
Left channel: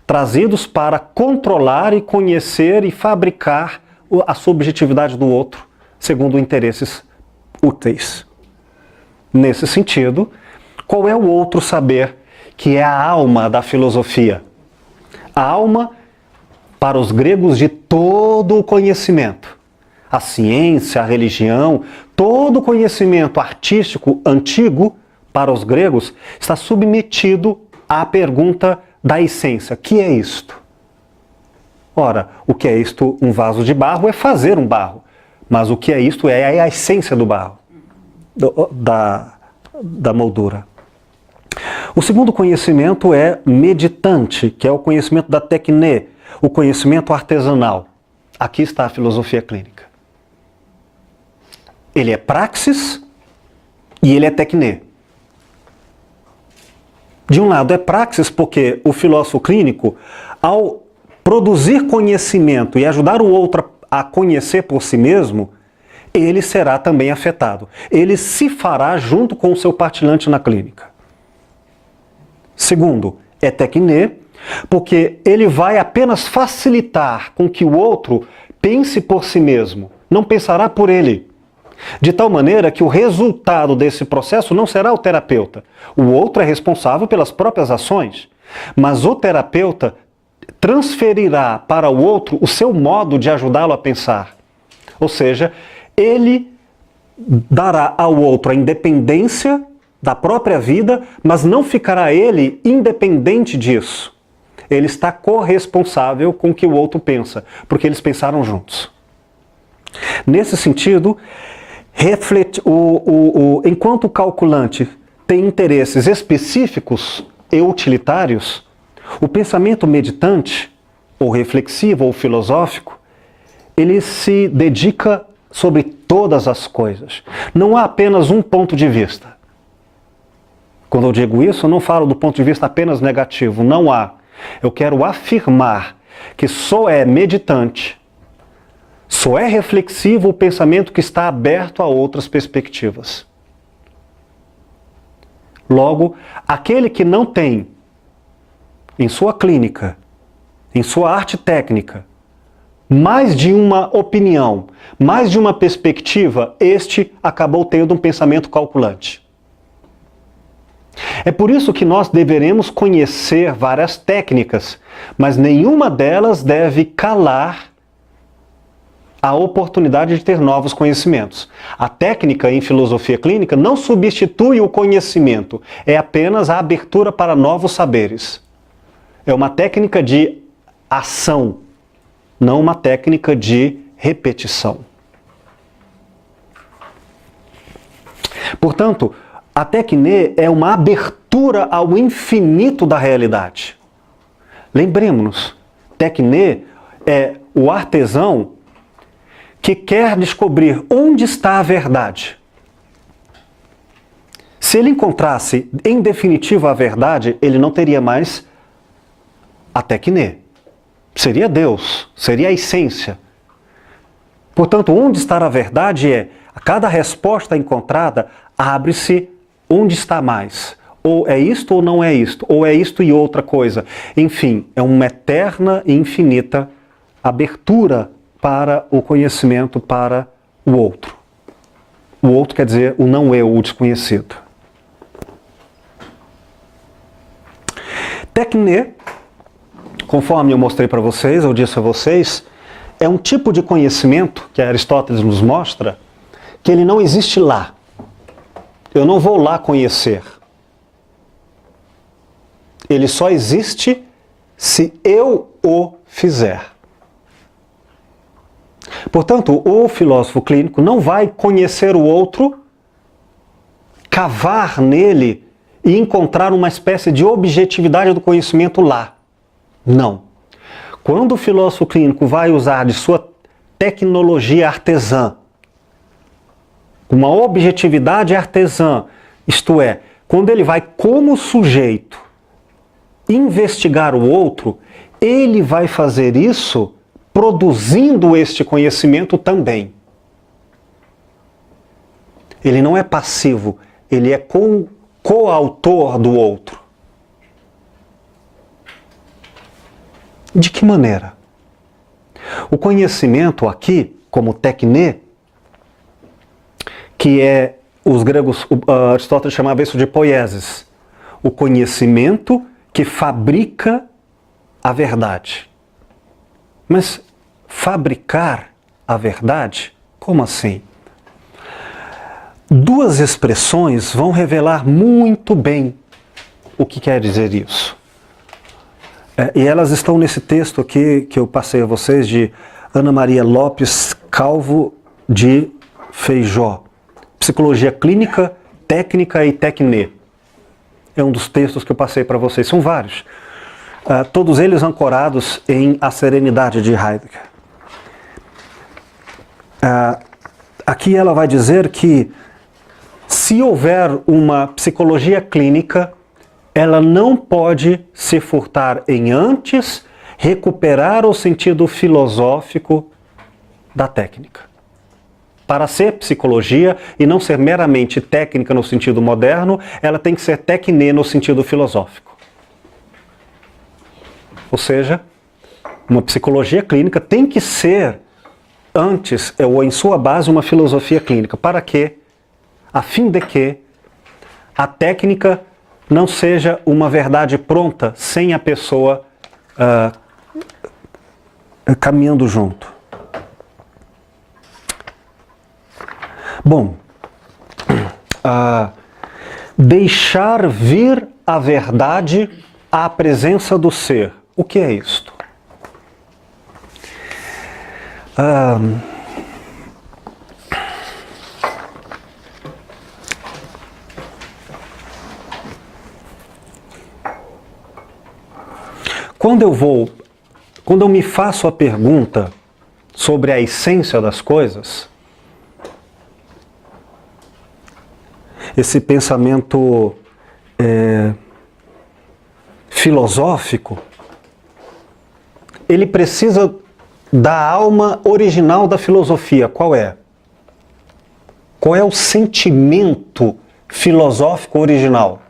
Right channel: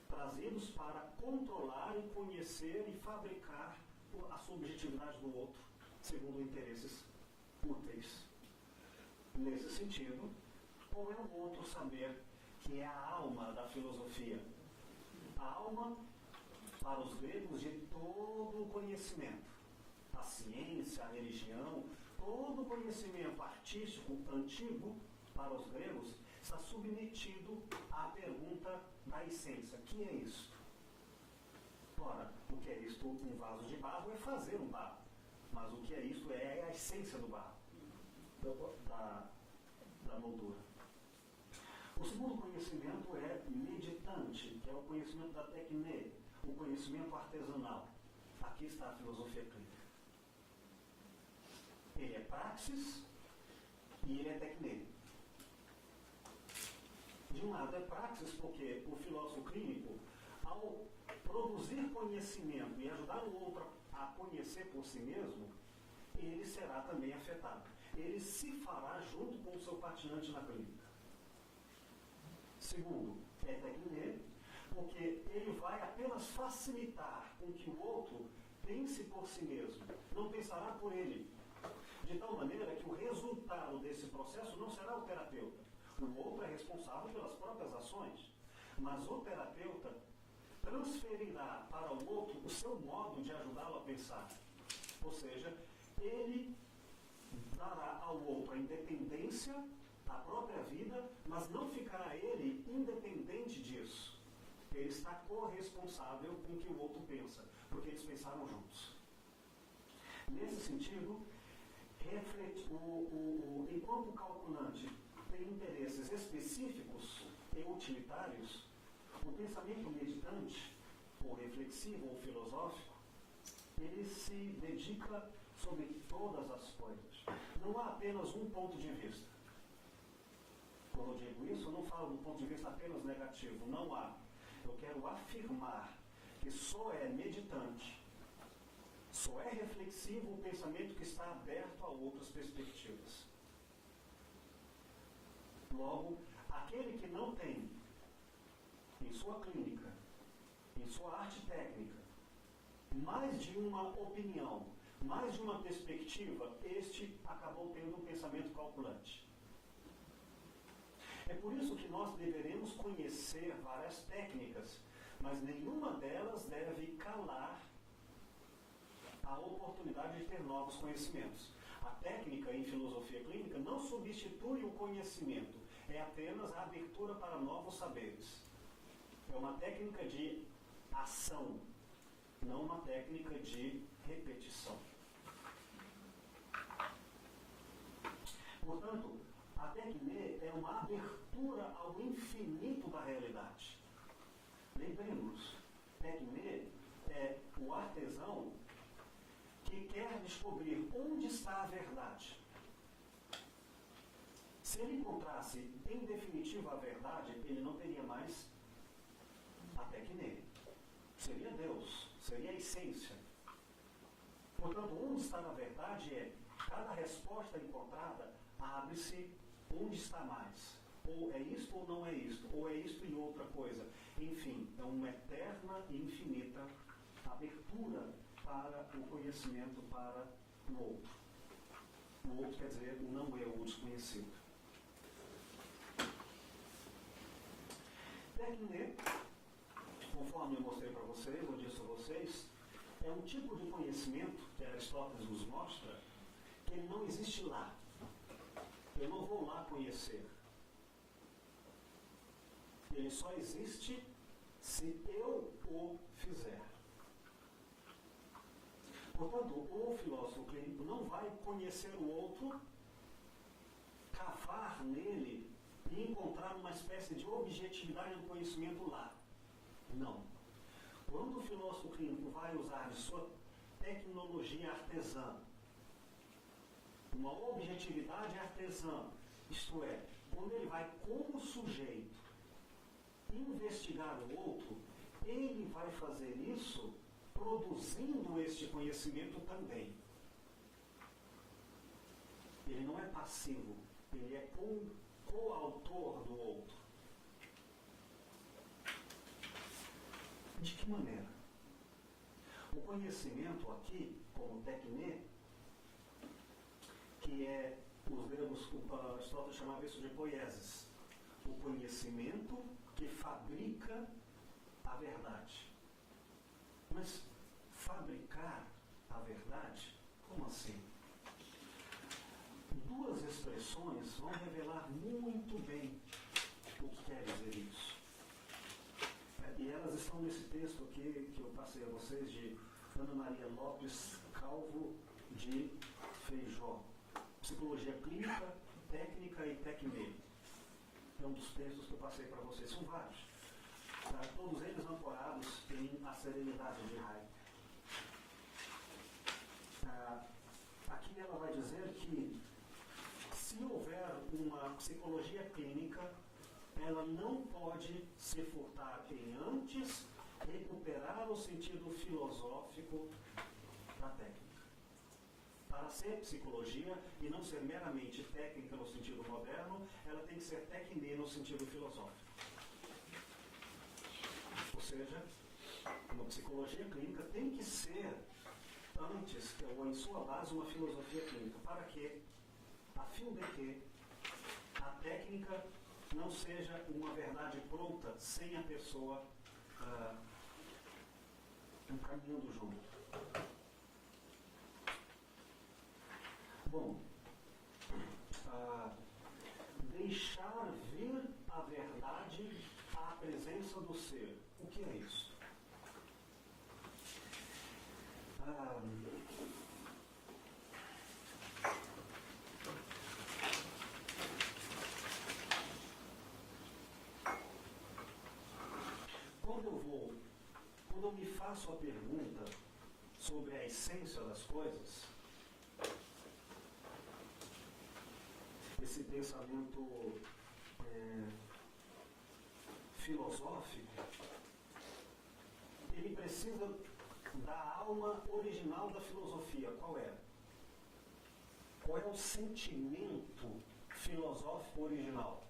trazidos para controlar e conhecer e fabricar a subjetividade do outro, segundo interesses úteis. Nesse sentido, qual é o outro saber que é a alma da filosofia? A alma, para os gregos, de todo o conhecimento. A ciência, a religião, todo o conhecimento artístico antigo, para os gregos, está submetido à pergunta da essência. Que é isto? Ora, o que é isto? Um vaso de barro é fazer um barro. Mas o que é isto é a essência do barro, da moldura. O segundo conhecimento é meditante, que é o conhecimento da techné, o conhecimento artesanal. Aqui está a filosofia clínica. Ele é praxis e ele é techné. De um lado é praxis porque o filósofo clínico, ao produzir conhecimento e ajudar o outro a conhecer por si mesmo, ele será também afetado. Ele se fará junto com o seu partilhante na clínica. Segundo, é tekné, porque ele vai apenas facilitar com que o outro pense por si mesmo, não pensará por ele. De tal maneira que o resultado desse processo não será o terapeuta. O outro é responsável pelas próprias ações, mas o terapeuta transferirá para o outro o seu modo de ajudá-lo a pensar. Ou seja, ele dará ao outro a independência da própria vida, mas não ficará ele independente disso. Ele está corresponsável com o que o outro pensa, porque eles pensaram juntos. Nesse sentido, enquanto o calculante tem interesses específicos e utilitários, o pensamento meditante, ou reflexivo, ou filosófico, ele se dedica sobre todas as coisas. Não há apenas um ponto de vista. Quando eu digo isso, eu não falo do ponto de vista apenas negativo, não há. Eu quero afirmar que só é meditante, só é reflexivo o pensamento que está aberto a outras perspectivas. Logo, aquele que não tem em sua clínica, em sua arte técnica, mais de uma opinião, mais de uma perspectiva, este acabou tendo um pensamento calculante. É por isso que nós deveremos conhecer várias técnicas, mas nenhuma delas deve calar a oportunidade de ter novos conhecimentos. A técnica em filosofia clínica não substitui o conhecimento, é apenas a abertura para novos saberes. É uma técnica de ação, não uma técnica de repetição. Portanto, a tekné é uma abertura ao infinito da realidade. Lembremos-nos, tekné é o artesão que quer descobrir onde está a verdade. Se ele encontrasse em definitivo a verdade, ele não teria mais a tekné. Seria Deus, seria a essência. Portanto, onde está a verdade é, a cada resposta encontrada, abre-se onde está mais. Ou é isto ou não é isto, ou é isto e outra coisa. Enfim, é uma eterna e infinita abertura para o conhecimento, para o outro. O outro quer dizer o não eu, o desconhecido. Tekné, conforme eu mostrei para vocês, eu disse a vocês, é um tipo de conhecimento que Aristóteles nos mostra que ele não existe lá. Eu não vou lá conhecer. Ele só existe se eu o fizer. Portanto, o filósofo clínico não vai conhecer o outro, cavar nele e encontrar uma espécie de objetividade do conhecimento lá. Não. Quando o filósofo clínico vai usar de sua tecnologia artesã, uma objetividade artesã, isto é, quando ele vai como sujeito investigar o outro, ele vai fazer isso produzindo este conhecimento também. Ele não é passivo, ele é coautor do outro. De que maneira? O conhecimento aqui, como tekné, que é, os gregos, Aristóteles chamava isso de poiesis, o conhecimento que fabrica a verdade. Mas fabricar a verdade? Como assim? Duas expressões vão revelar muito bem o que quer dizer isso. E elas estão nesse texto aqui que eu passei a vocês de Ana Maria Lopes Calvo de Feijó. Psicologia Clínica, Técnica e Tekné. É um dos textos que eu passei para vocês. São vários. Todos eles ancorados em A Serenidade de Heidegger. Aqui ela vai dizer que se houver uma psicologia clínica, ela não pode se furtar em antes recuperar o sentido filosófico da técnica. Para ser psicologia e não ser meramente técnica no sentido moderno, ela tem que ser tecne no sentido filosófico. Ou seja, uma psicologia clínica tem que ser, antes ou em sua base, uma filosofia clínica. Para quê? A fim de que a técnica não seja uma verdade pronta sem a pessoa caminhando junto. Bom, deixar vir a verdade à presença do ser. O que é isto? Quando eu me faço a pergunta sobre a essência das coisas, esse pensamento filosófico, ele precisa da alma original da filosofia. Qual é? Qual é o sentimento filosófico original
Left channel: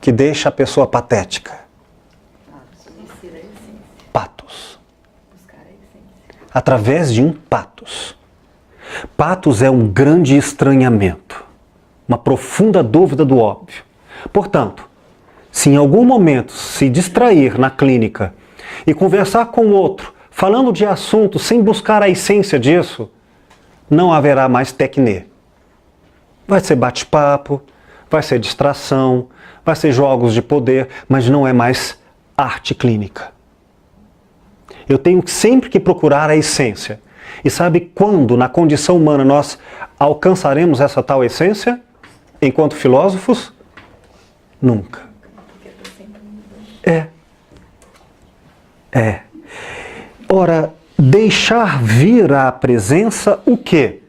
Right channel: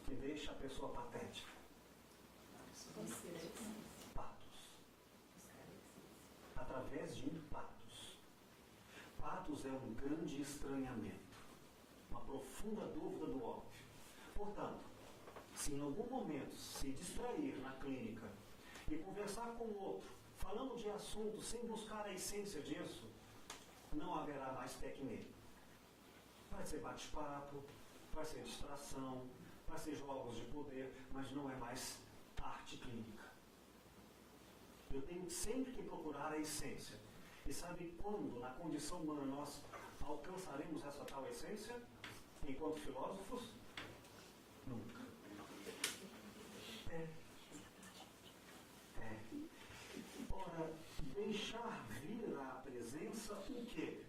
que deixa a pessoa patética? Patos. Através de um patos. Patos é um grande estranhamento, uma profunda dúvida do óbvio. Portanto, se em algum momento se distrair na clínica e conversar com o outro, falando de assuntos sem buscar a essência disso, não haverá mais tecne. Vai ser bate-papo, vai ser distração, vai ser jogos de poder, mas não é mais arte clínica. Eu tenho sempre que procurar a essência. E sabe quando, na condição humana, nós alcançaremos essa tal essência? Enquanto filósofos? Nunca. Ora, deixar vir à presença o quê?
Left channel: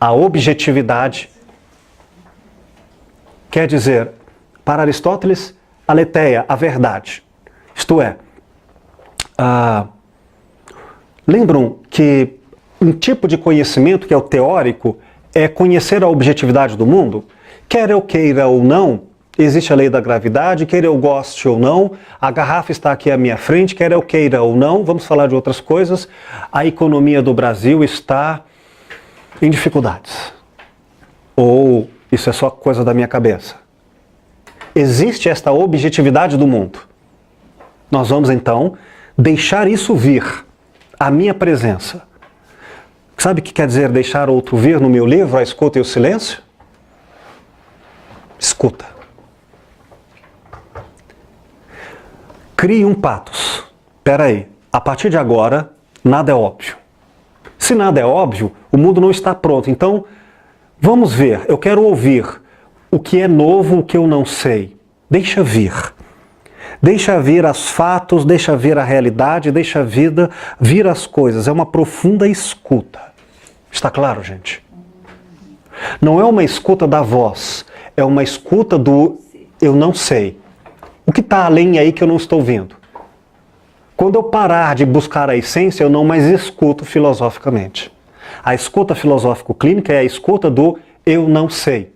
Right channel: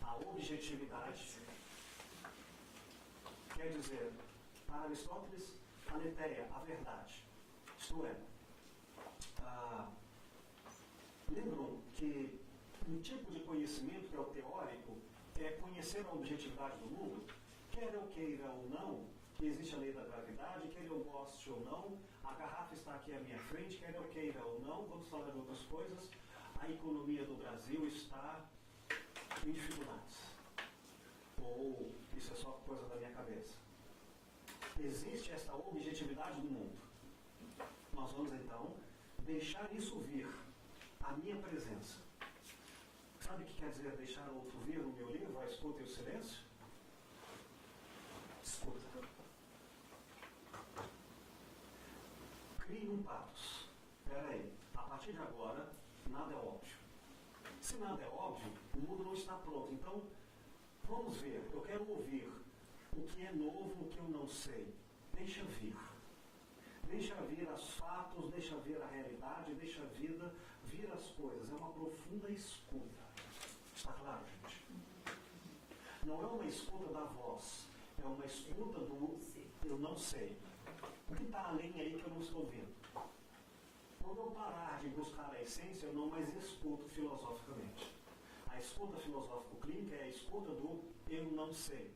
A objetividade. Quer dizer, para Aristóteles, aletheia, a verdade. Isto é, lembram que um tipo de conhecimento, que é o teórico, é conhecer a objetividade do mundo? Quer eu queira ou não, existe a lei da gravidade, quer eu goste ou não, a garrafa está aqui à minha frente, quer eu queira ou não, vamos falar de outras coisas, a economia do Brasil está em dificuldades. Ou isso é só coisa da minha cabeça? Existe esta objetividade do mundo. Nós vamos então deixar isso vir à minha presença. Sabe o que quer dizer deixar outro vir no meu livro, A Escuta e o Silêncio? Escuta. Crie um patos. Espera aí, a partir de agora, nada é óbvio. Se nada é óbvio, o mundo não está pronto. Então, vamos ver, eu quero ouvir o que é novo, o que eu não sei. Deixa vir. Deixa vir os fatos, deixa vir a realidade, deixa vir as coisas. É uma profunda escuta. Está claro, gente? Não é uma escuta da voz, é uma escuta do eu não sei. O que está além aí que eu não estou vendo? Quando eu parar de buscar a essência, eu não mais escuto filosoficamente. A escuta filosófico-clínica é a escuta do eu não sei.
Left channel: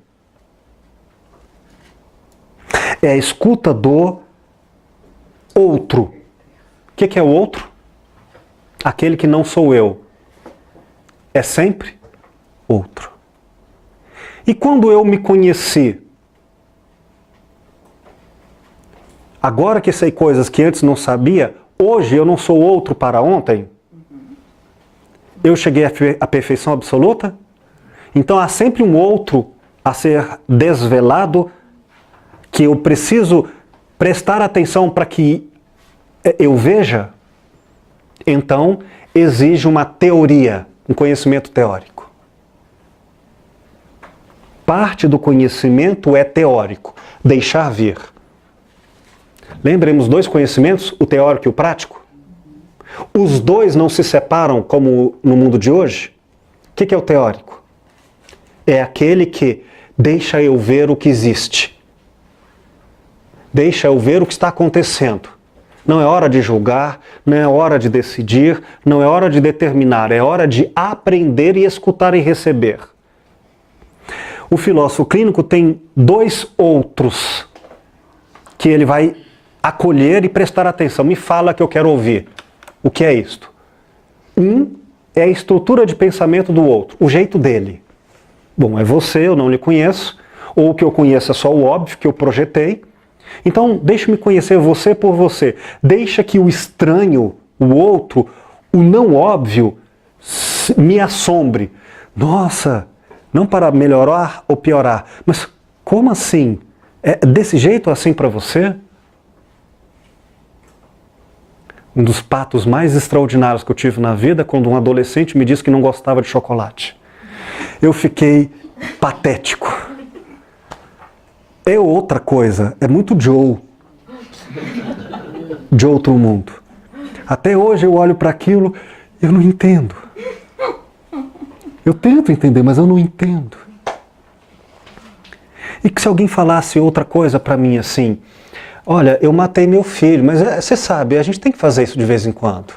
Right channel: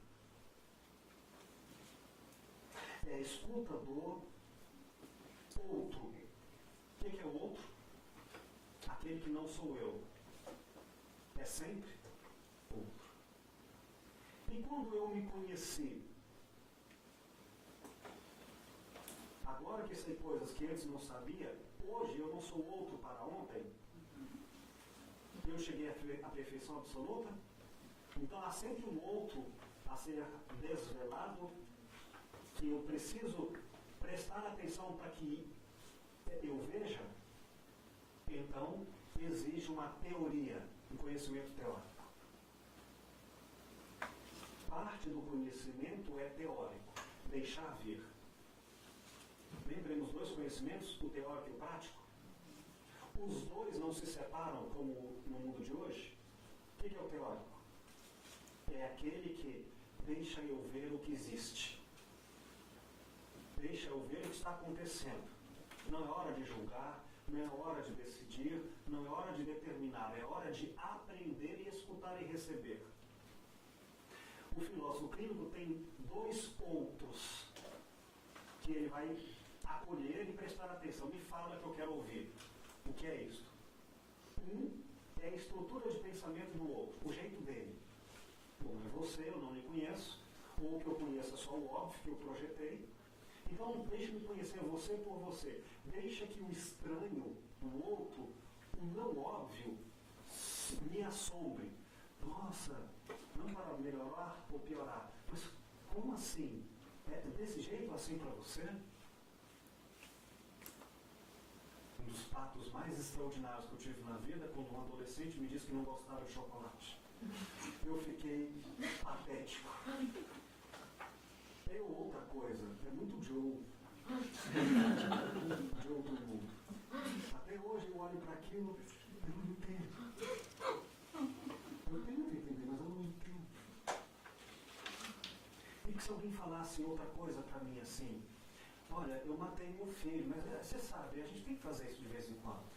É a escuta do outro. O que é o outro? Aquele que não sou eu. É sempre outro. E quando eu me conheci, agora que sei coisas que antes não sabia, hoje eu não sou outro para ontem? Eu cheguei à perfeição absoluta? Então há sempre um outro a ser desvelado que eu preciso prestar atenção para que eu veja? Então exige uma teoria, um conhecimento teórico. Parte do conhecimento é teórico, deixar vir. Lembremos dois conhecimentos, o teórico e o prático? Os dois não se separam como no mundo de hoje? O que é o teórico? É aquele que deixa eu ver o que existe. Deixa eu ver o que está acontecendo. Não é hora de julgar, não é hora de decidir, não é hora de determinar, é hora de aprender e escutar e receber. O filósofo clínico tem dois outros que ele vai acolher e prestar atenção. Me fala que eu quero ouvir. O que é isto? Um é a estrutura de pensamento do outro, o jeito dele. Bom, é você, eu não lhe conheço, ou o que eu conheço é só o óbvio que eu projetei. Então, deixe-me conhecer você por você. Deixa que o estranho, o outro, o não óbvio, me assombre. Nossa, não para melhorar ou piorar, mas como assim? É desse jeito assim para você? Um dos patos mais extraordinários que eu tive na vida, quando um adolescente me disse que não gostava de chocolate. Eu fiquei patético. É outra coisa, é muito Joe. De outro mundo. Até hoje eu olho para aquilo e eu não entendo. Eu tento entender, mas eu não entendo. E que se alguém falasse outra coisa para mim assim, olha, eu matei meu filho, mas você sabe, a gente tem que fazer isso de vez em quando.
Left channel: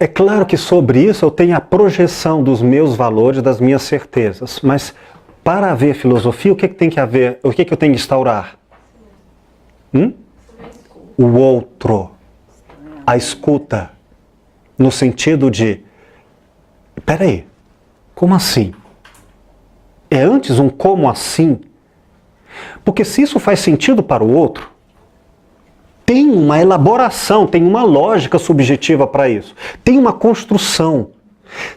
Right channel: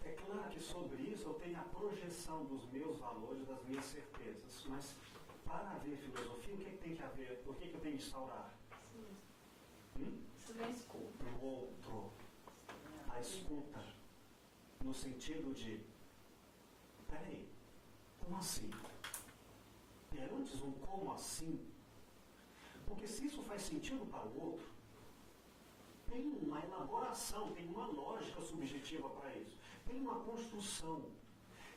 É claro que sobre isso eu tenho a projeção dos meus valores, das minhas certezas, mas para haver filosofia, o que tem que haver, o que eu tenho que instaurar? O outro, a escuta, no sentido de, peraí, como assim? É antes um como assim? Porque se isso faz sentido para o outro, tem uma elaboração, tem uma lógica subjetiva para isso. Tem uma construção.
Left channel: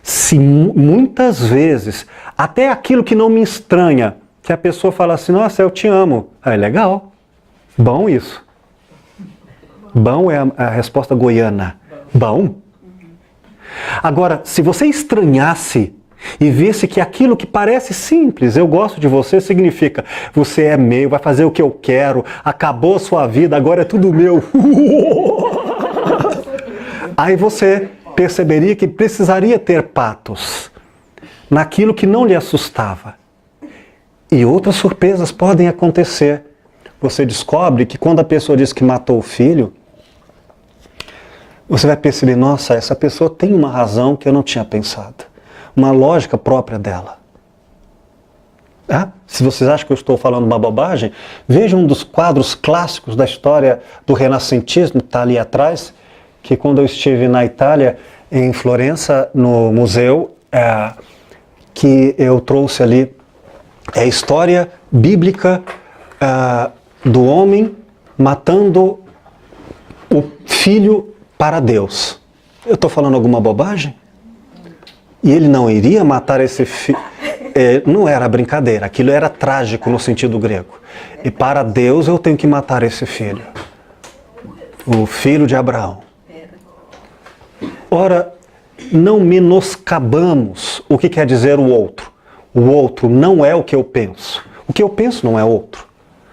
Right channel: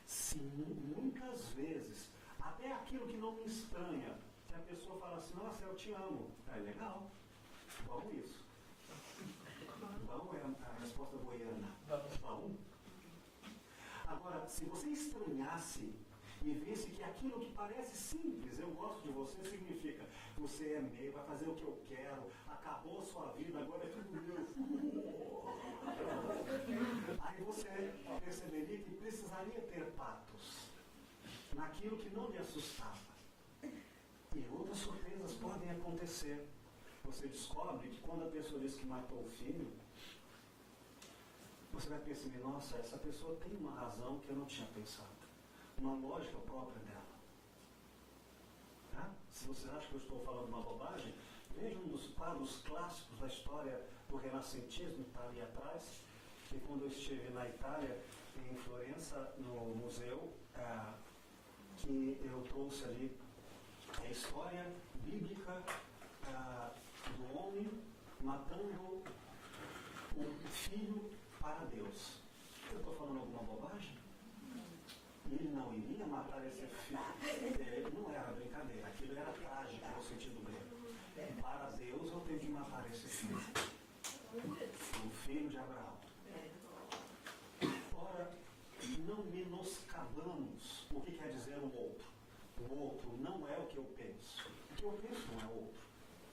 Se muitas vezes, até aquilo que não me estranha, que a pessoa fala assim, nossa, eu te amo. É legal. Bom isso. Bom é a resposta goiana. Bom. Agora, se você estranhasse e visse que aquilo que parece simples, eu gosto de você, significa você é meu, vai fazer o que eu quero, acabou a sua vida, agora é tudo meu. Aí você perceberia que precisaria ter patos naquilo que não lhe assustava. E outras surpresas podem acontecer. Você descobre que quando a pessoa diz que matou o filho, você vai perceber, nossa, essa pessoa tem uma razão que eu não tinha pensado. Uma lógica própria dela. Se vocês acham que eu estou falando uma bobagem, vejam um dos quadros clássicos da história do renascentismo, que está ali atrás, que quando eu estive na Itália, em Florença, no museu, que eu trouxe ali, é a história bíblica do homem matando o filho para Deus. Eu estou falando alguma bobagem? E ele não iria matar esse filho. Não era brincadeira, aquilo era trágico no sentido grego. E para Deus eu tenho que matar esse filho. O filho de Abraão. Ora, não menoscabamos o que quer dizer o outro. O outro não é o que eu penso. O que eu penso não é outro.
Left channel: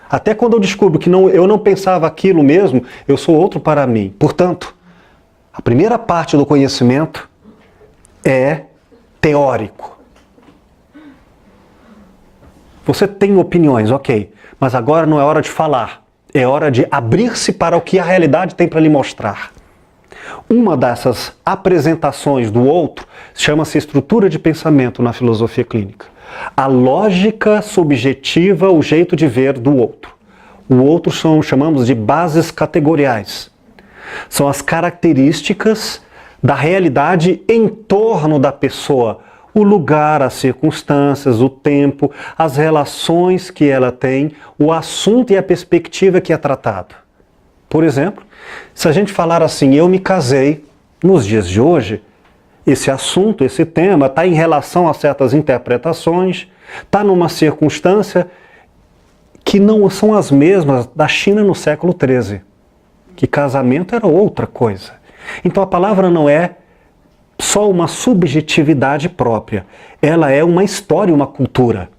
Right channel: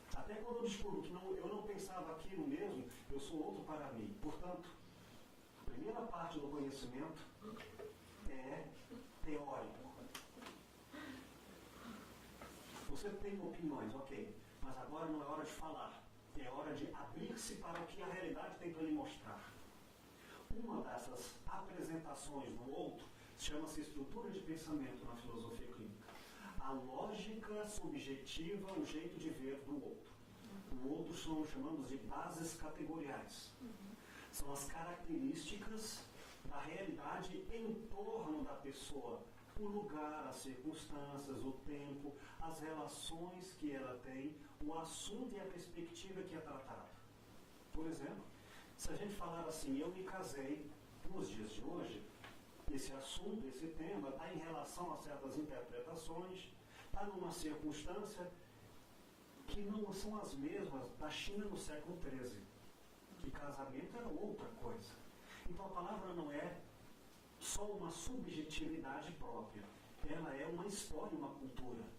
Até quando eu descubro que eu não pensava aquilo mesmo, eu sou outro para mim. Portanto, a primeira parte do conhecimento é teórico. Você tem opiniões, ok, mas agora não é hora de falar, é hora de abrir-se para o que a realidade tem para lhe mostrar. Uma dessas apresentações do outro chama-se estrutura de pensamento na filosofia clínica. A lógica subjetiva, o jeito de ver do outro. O outro chamamos de bases categoriais. São as características da realidade em torno da pessoa, o lugar, as circunstâncias, o tempo, as relações que ela tem, o assunto e a perspectiva que é tratado. Por exemplo, se a gente falar assim, eu me casei, nos dias de hoje, esse assunto, esse tema está em relação a certas interpretações, está numa circunstância que não são as mesmas da China no século XIII, que casamento era outra coisa. Então a palavra não é só uma subjetividade própria, ela é uma história, uma cultura.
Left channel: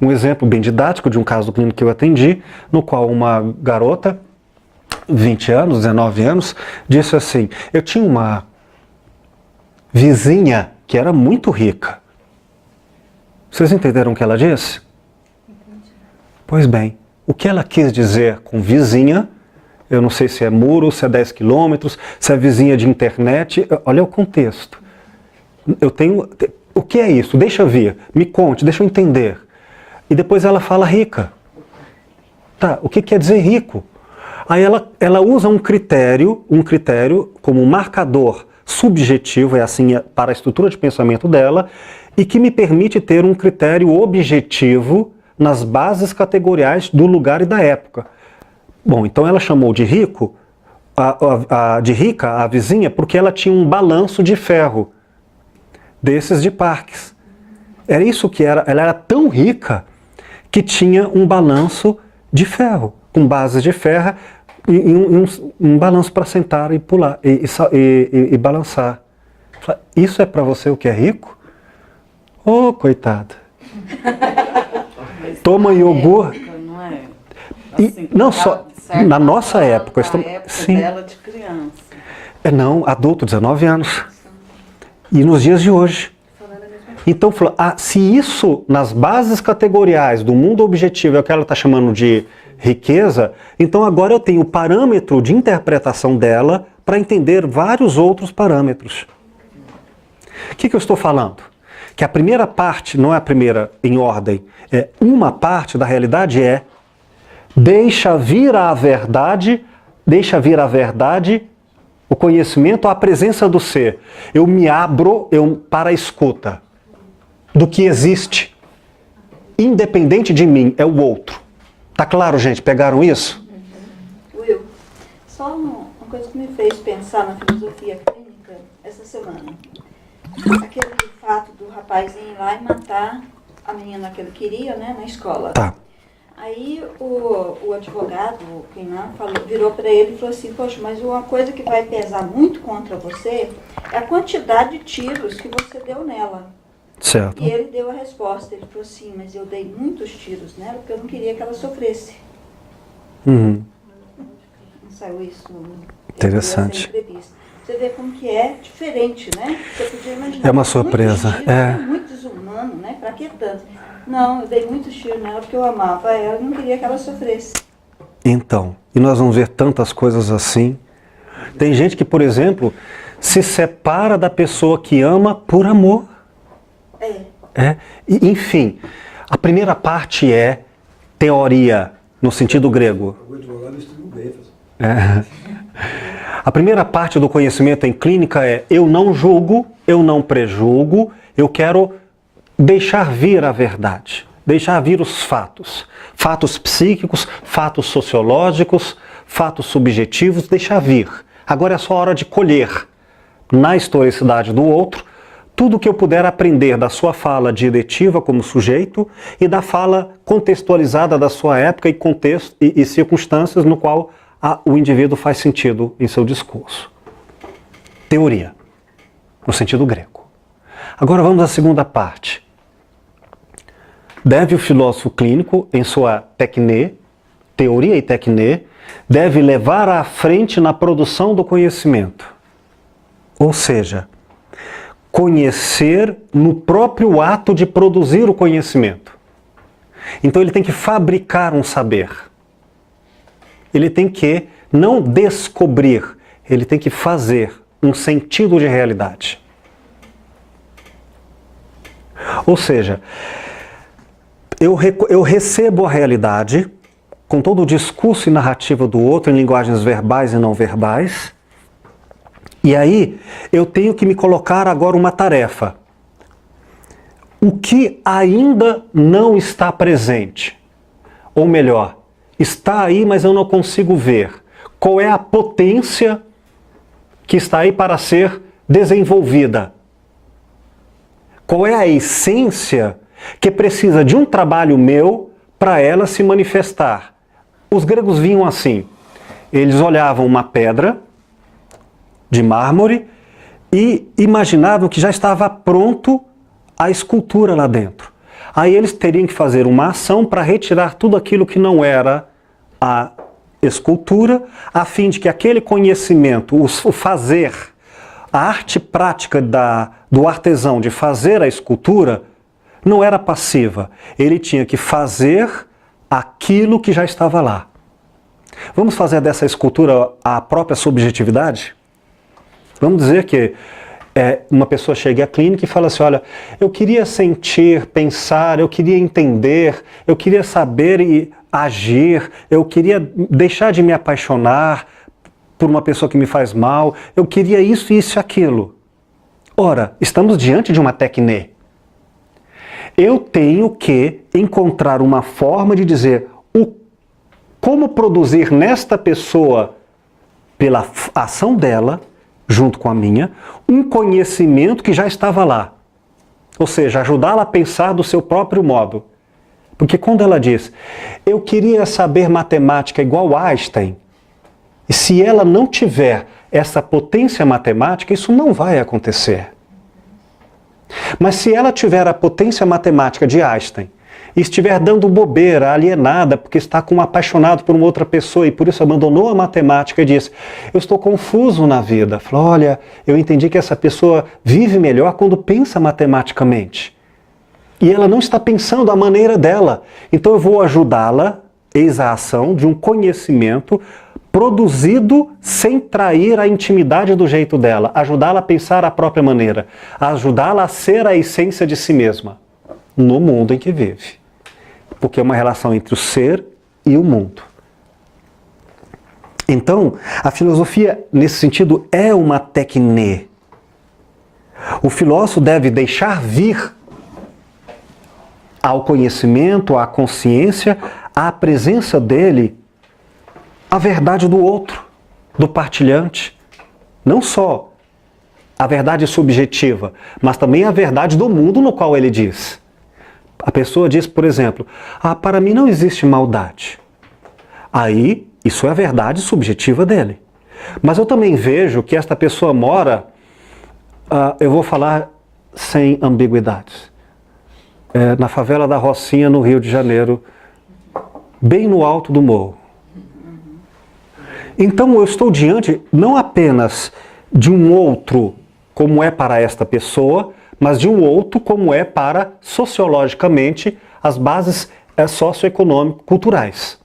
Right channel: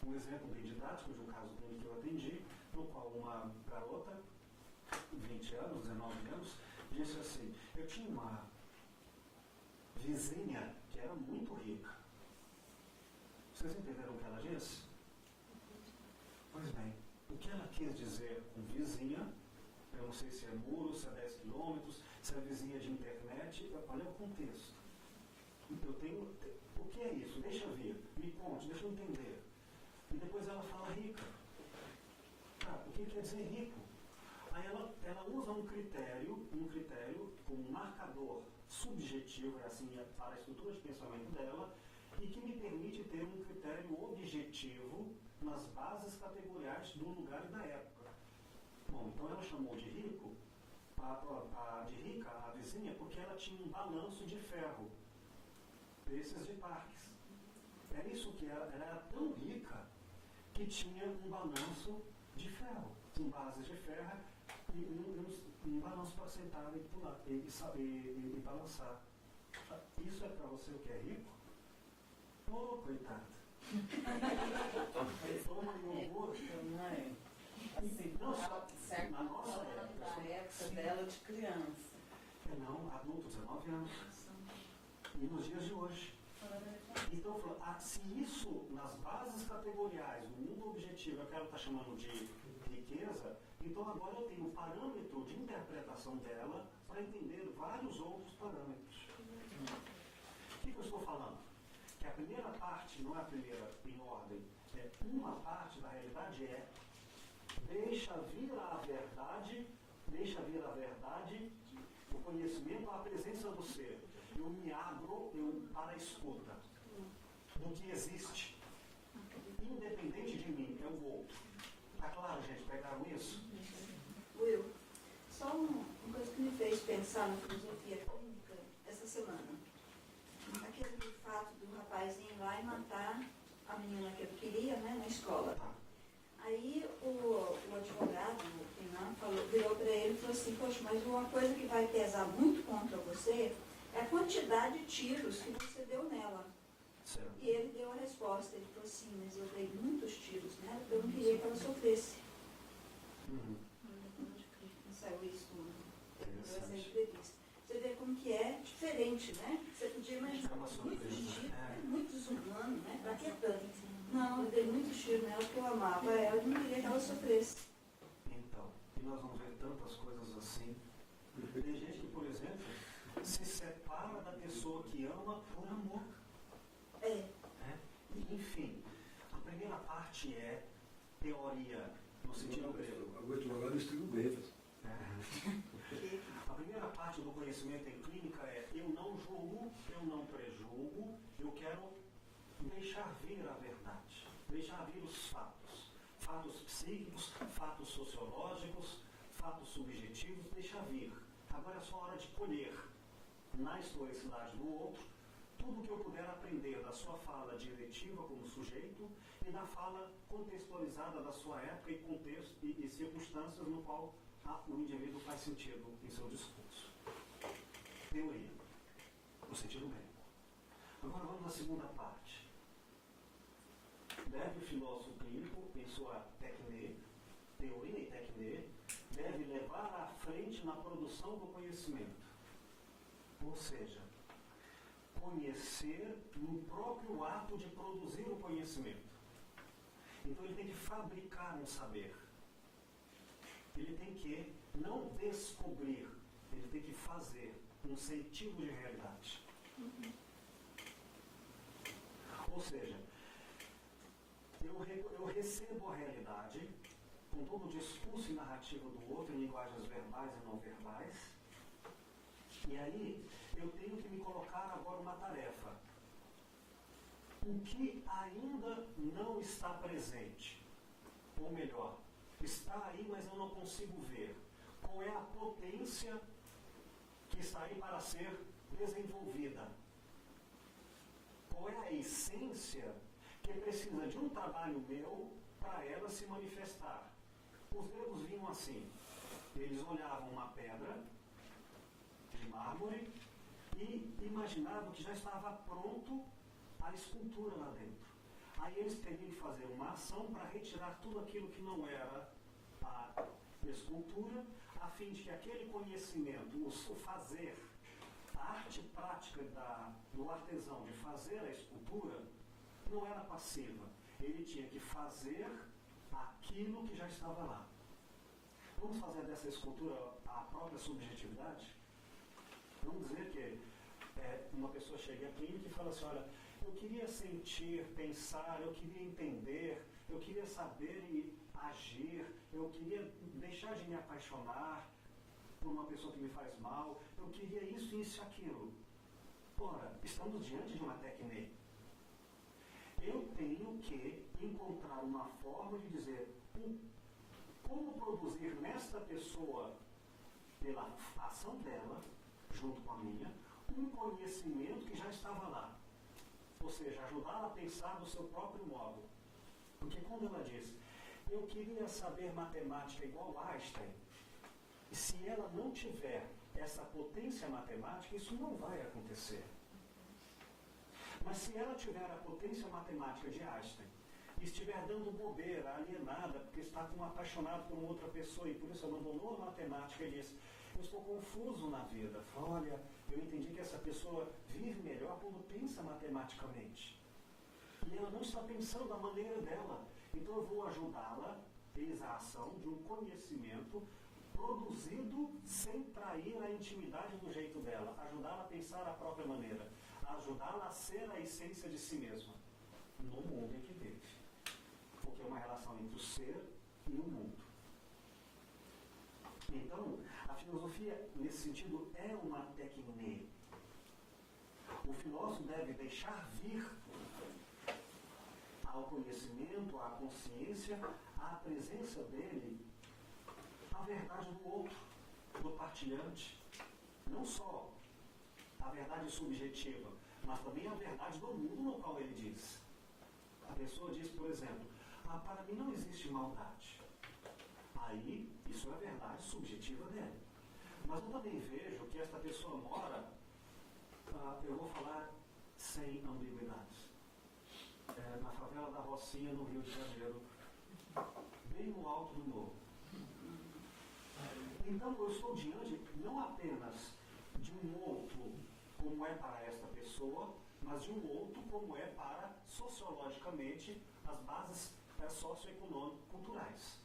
Um exemplo bem didático de um caso clínico que eu atendi, no qual uma garota, 20 anos, 19 anos, disse assim, eu tinha uma vizinha que era muito rica. Vocês entenderam o que ela disse? Pois bem, o que ela quis dizer com vizinha, eu não sei se é muro, se é 10 quilômetros, se é vizinha de internet, olha o contexto. O que é isso? Deixa eu ver, me conte, deixa eu entender. E depois ela fala rica. Tá, o que quer dizer rico? Aí ela usa um critério como um marcador subjetivo, é assim para a estrutura de pensamento dela, e que me permite ter um critério objetivo nas bases categoriais do lugar e da época. Bom, então ela chamou de rico, de rica a vizinha, porque ela tinha um balanço de ferro, desses de Parques. Era isso que era, ela era tão rica que tinha um balanço de ferro, com bases de ferro, e um balanço para sentar e pular, e balançar. Isso é para você o que é rico? Oh, coitada. Toma iogurte. Não é? Assim, não só, na nossa época. Na época sim. dela de criança. Não, adulto, 19 anos. E nos dias de hoje. Então, se isso, nas bases categoriais do mundo objetivo, é o que ela está chamando de riqueza, então agora eu tenho o parâmetro de interpretação dela para entender vários outros parâmetros. O que eu estou falando? Que a primeira parte, não é a primeira em ordem, é uma parte da realidade deixa vir a verdade, o conhecimento, a presença do ser. Eu me abro para a escuta do que existe, independente de mim, é o outro. Tá claro, gente? Pegaram isso? Will, só uma coisa que me fez pensar na filosofia clínica essa semana. Aquele fato do rapazinho ir lá e matar a menina que ele queria, né, na escola. Tá. Aí o advogado, quem lá, virou para ele e falou assim, poxa, mas uma coisa que vai pesar muito contra você é a quantidade de tiros que você deu nela. Certo. E ele deu a resposta, ele falou assim, mas eu dei muitos tiros nela porque eu não queria que ela sofresse. Uhum. Não saiu isso no Interessante. entrevista. Você vê como que é diferente, né? Você podia imaginar. É uma surpresa. Tiros, é muito desumano, né? Pra que tanto? Não, eu dei muitos tiros nela porque eu amava ela e não queria que ela sofresse. Então, e nós vamos ver tantas coisas assim. Tem gente que, por exemplo, se separa da pessoa que ama por amor. Enfim, a primeira parte é teoria, no sentido grego. O advogado estudou bem, A primeira parte do conhecimento em clínica é eu não julgo, eu não prejulgo, eu quero deixar vir a verdade, deixar vir os fatos. Fatos psíquicos, fatos sociológicos, fatos subjetivos, deixar vir. Agora é só hora de colher, na historicidade do outro, tudo o que eu puder aprender da sua fala diretiva como sujeito e da fala contextualizada da sua época e contexto e circunstâncias no qual o indivíduo faz sentido em seu discurso. Teoria, no sentido grego. Agora vamos à segunda parte. Deve o filósofo clínico, em sua tecne, teoria e tecne, deve levar à frente na produção do conhecimento. Ou seja, conhecer no próprio ato de produzir o conhecimento. Então ele tem que fabricar um saber. Ele tem que não descobrir, ele tem que fazer um sentido de realidade. Ou seja, eu recebo a realidade com todo o discurso e narrativa do outro em linguagens verbais e não verbais. E aí eu tenho que me colocar agora uma tarefa. O que ainda não está presente? Ou melhor, está aí, mas eu não consigo ver. Qual é a potência que está aí para ser desenvolvida? Qual é a essência que precisa de um trabalho meu para ela se manifestar? Os gregos vinham assim. Eles olhavam uma pedra de mármore e imaginavam que já estava pronto a escultura lá dentro. Aí eles teriam que fazer uma ação para retirar tudo aquilo que não era a escultura, a fim de que aquele conhecimento, o fazer, a arte prática do artesão de fazer a escultura, não era passiva. Ele tinha que fazer aquilo que já estava lá. Vamos fazer dessa escultura a própria subjetividade? Vamos dizer que uma pessoa chega à clínica e fala assim, olha, eu queria sentir, pensar, eu queria entender, eu queria saber e agir, eu queria deixar de me apaixonar por uma pessoa que me faz mal, eu queria isso, isso e aquilo. Ora, estamos diante de uma tecne. Eu tenho que encontrar uma forma de dizer como produzir nesta pessoa, pela ação dela, junto com a minha, um conhecimento que já estava lá. Ou seja, ajudá-la a pensar do seu próprio modo. Porque quando ela diz, eu queria saber matemática igual Einstein, e se ela não tiver essa potência matemática, isso não vai acontecer. Mas se ela tiver a potência matemática de Einstein, e estiver dando bobeira, alienada, porque está apaixonado por uma outra pessoa e por isso abandonou a matemática e diz, eu estou confuso na vida. Fala, olha, eu entendi que essa pessoa vive melhor quando pensa matematicamente. E ela não está pensando à maneira dela. Então eu vou ajudá-la, eis a ação de um conhecimento produzido sem trair a intimidade do jeito dela, ajudá-la a pensar à própria maneira, ajudá-la a ser a essência de si mesma, no mundo em que vive. Porque é uma relação entre o ser e o mundo. Então, a filosofia, nesse sentido, é uma tecne. O filósofo deve deixar vir ao conhecimento, à consciência, à presença dele, a verdade do outro, do partilhante. Não só a verdade subjetiva, mas também a verdade do mundo no qual ele diz. A pessoa diz, por exemplo, para mim não existe maldade. Aí, isso é a verdade subjetiva dele. Mas eu também vejo que esta pessoa mora, eu vou falar sem ambiguidades, na favela da Rocinha, no Rio de Janeiro, bem no alto do morro. Então eu estou diante não apenas de um outro como é para esta pessoa, mas de um outro como é para, sociologicamente, as bases socioeconômico-culturais.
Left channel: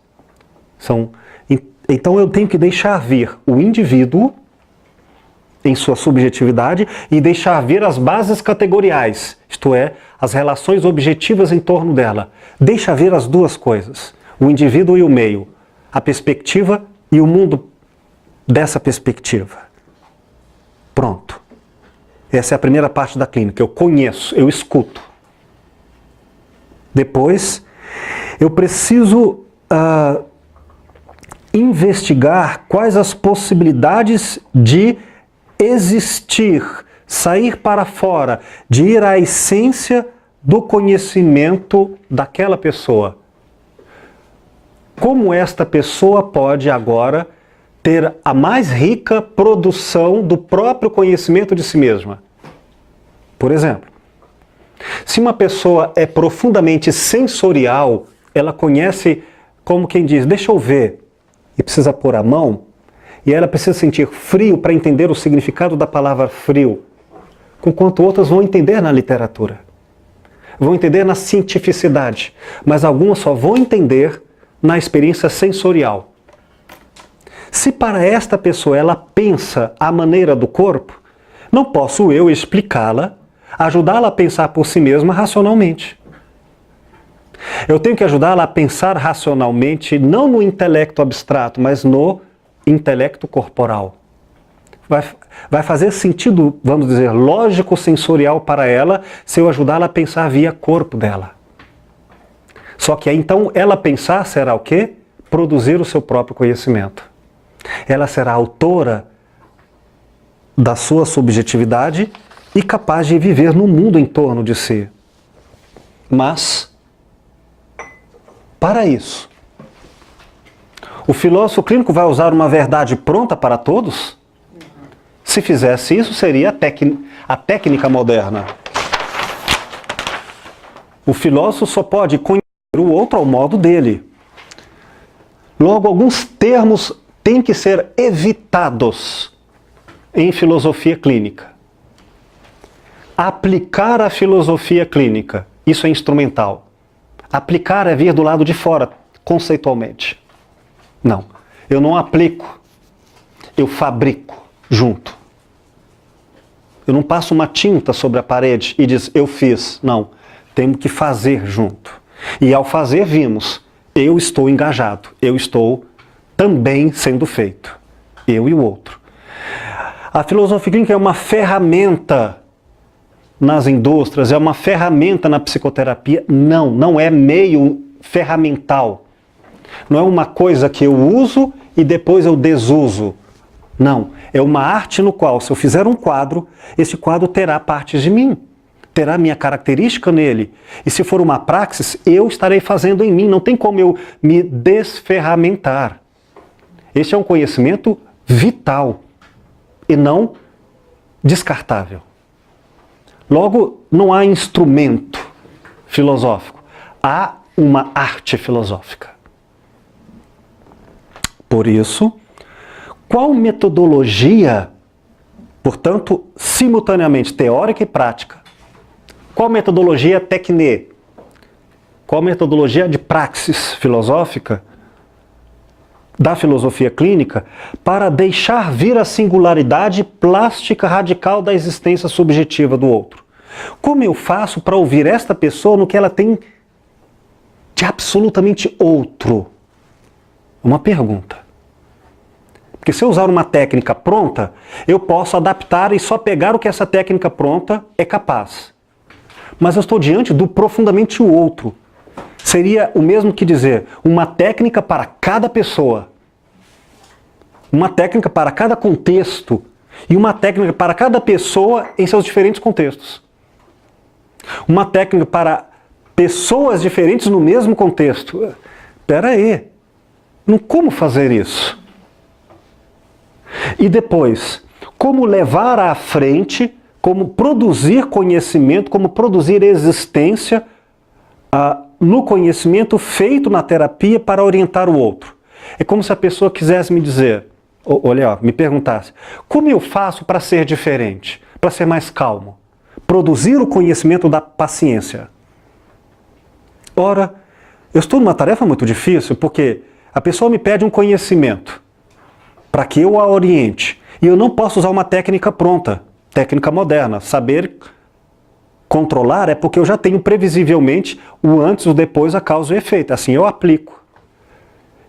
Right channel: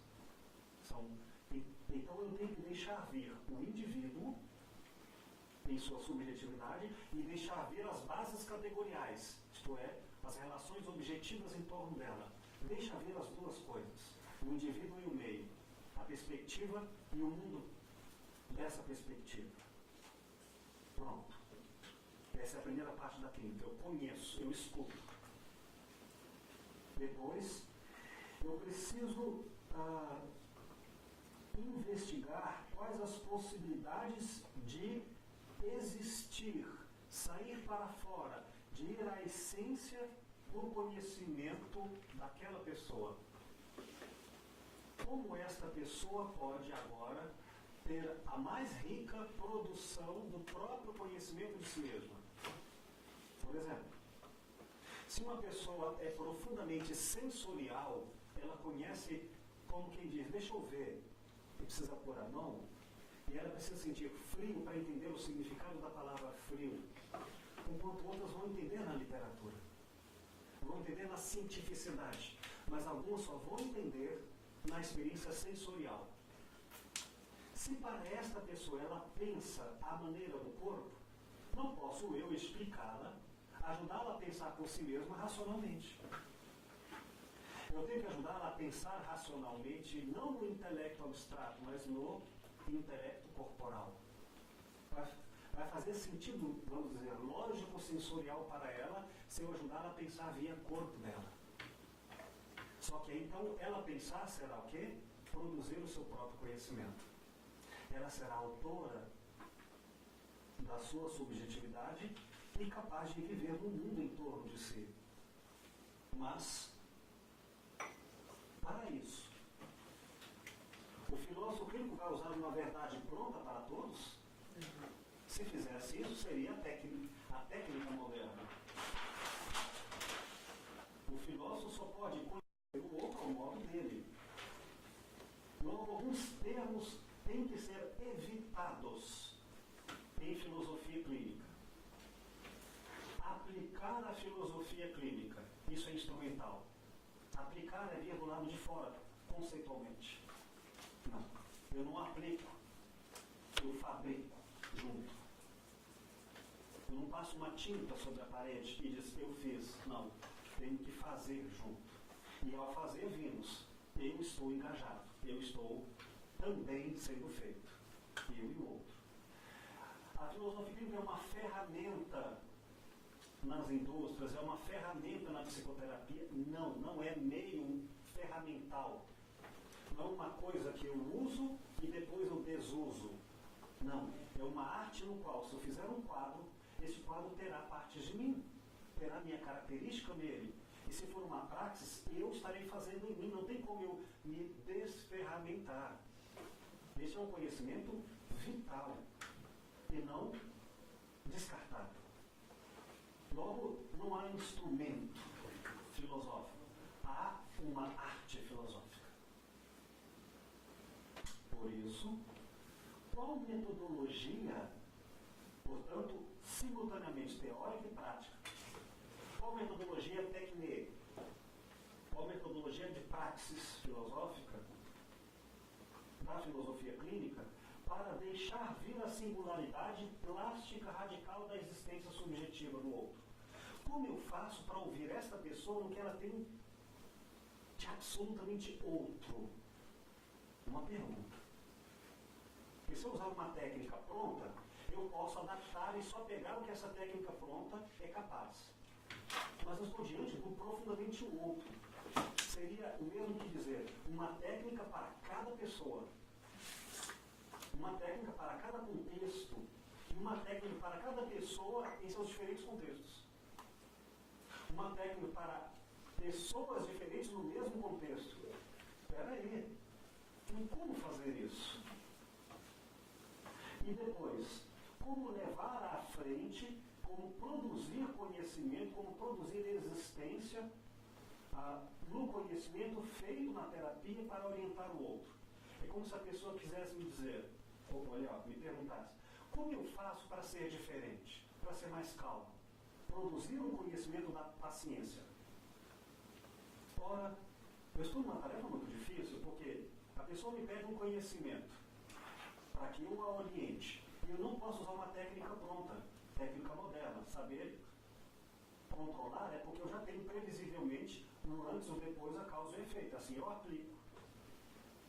Então eu tenho que deixar vir o indivíduo em sua subjetividade e deixar vir as bases categoriais, isto é, as relações objetivas em torno dela. Deixa vir as duas coisas, o indivíduo e o meio, a perspectiva e o mundo dessa perspectiva. Pronto. Essa é a primeira parte da clínica. Eu conheço, eu escuto. Depois, eu preciso investigar quais as possibilidades de existir, sair para fora, de ir à essência do conhecimento daquela pessoa. Como esta pessoa pode agora ter a mais rica produção do próprio conhecimento de si mesma. Por exemplo, se uma pessoa é profundamente sensorial, ela conhece, como quem diz, deixa eu ver, e precisa pôr a mão, e ela precisa sentir frio para entender o significado da palavra frio, enquanto outras vão entender na literatura, vão entender na cientificidade, mas algumas só vão entender na experiência sensorial. Se para esta pessoa ela pensa à maneira do corpo, não posso eu explicá-la, ajudá-la a pensar por si mesma racionalmente. Eu tenho que ajudá-la a pensar racionalmente, não no intelecto abstrato, mas no intelecto corporal. Vai fazer sentido, vamos dizer, lógico-sensorial para ela, se eu ajudá-la a pensar via corpo dela. Só que aí então ela pensar será o quê? Produzir o seu próprio conhecimento. Ela será autora da sua subjetividade e capaz de viver no mundo em torno de si. Mas, para isso, o filósofo clínico vai usar uma verdade pronta para todos? Se fizesse isso, seria a técnica moderna. O filósofo só pode conhecer o outro ao modo dele. Logo, alguns termos têm que ser evitados em filosofia clínica. Aplicar a filosofia clínica isso é instrumental. Aplicar é vir do lado de fora, conceitualmente. Não, eu não aplico, eu fabrico junto. Eu não passo uma tinta sobre a parede e diz, eu fiz. Não, temos que fazer junto. E ao fazer, vimos, eu estou engajado, eu estou também sendo feito. Eu e o outro. A filosofia clínica é uma ferramenta nas indústrias, é uma ferramenta na psicoterapia. Não, não é meio ferramental. Não é uma coisa que eu uso e depois eu desuso. Não, é uma arte no qual, se eu fizer um quadro, esse quadro terá partes de mim, terá minha característica nele. E se for uma praxis, eu estarei fazendo em mim. Não tem como eu me desferramentar. Este é um conhecimento vital e não descartável. Logo, não há instrumento filosófico, há uma arte filosófica. Por isso, qual metodologia, portanto, simultaneamente teórica e prática, qual metodologia tecne, qual metodologia de praxis filosófica da filosofia clínica para deixar vir a singularidade plástica radical da existência subjetiva do outro? Como eu faço para ouvir esta pessoa no que ela tem de absolutamente outro? Uma pergunta. Porque se eu usar uma técnica pronta, eu posso adaptar e só pegar o que essa técnica pronta é capaz. Mas eu estou diante do profundamente o outro. Seria o mesmo que dizer uma técnica para cada pessoa, uma técnica para cada contexto e uma técnica para cada pessoa em seus diferentes contextos. Uma técnica para pessoas diferentes no mesmo contexto. Espera aí, como fazer isso? E depois, como levar à frente, como produzir conhecimento, como produzir existência no conhecimento feito na terapia para orientar o outro. É como se a pessoa quisesse me dizer, olha, me perguntasse, como eu faço para ser diferente, para ser mais calmo? Produzir o conhecimento da paciência. Ora, eu estou numa tarefa muito difícil, porque a pessoa me pede um conhecimento para que eu a oriente, e eu não posso usar uma técnica pronta, técnica moderna. Saber controlar é porque eu já tenho previsivelmente o antes, o depois, a causa e o efeito. Assim eu aplico.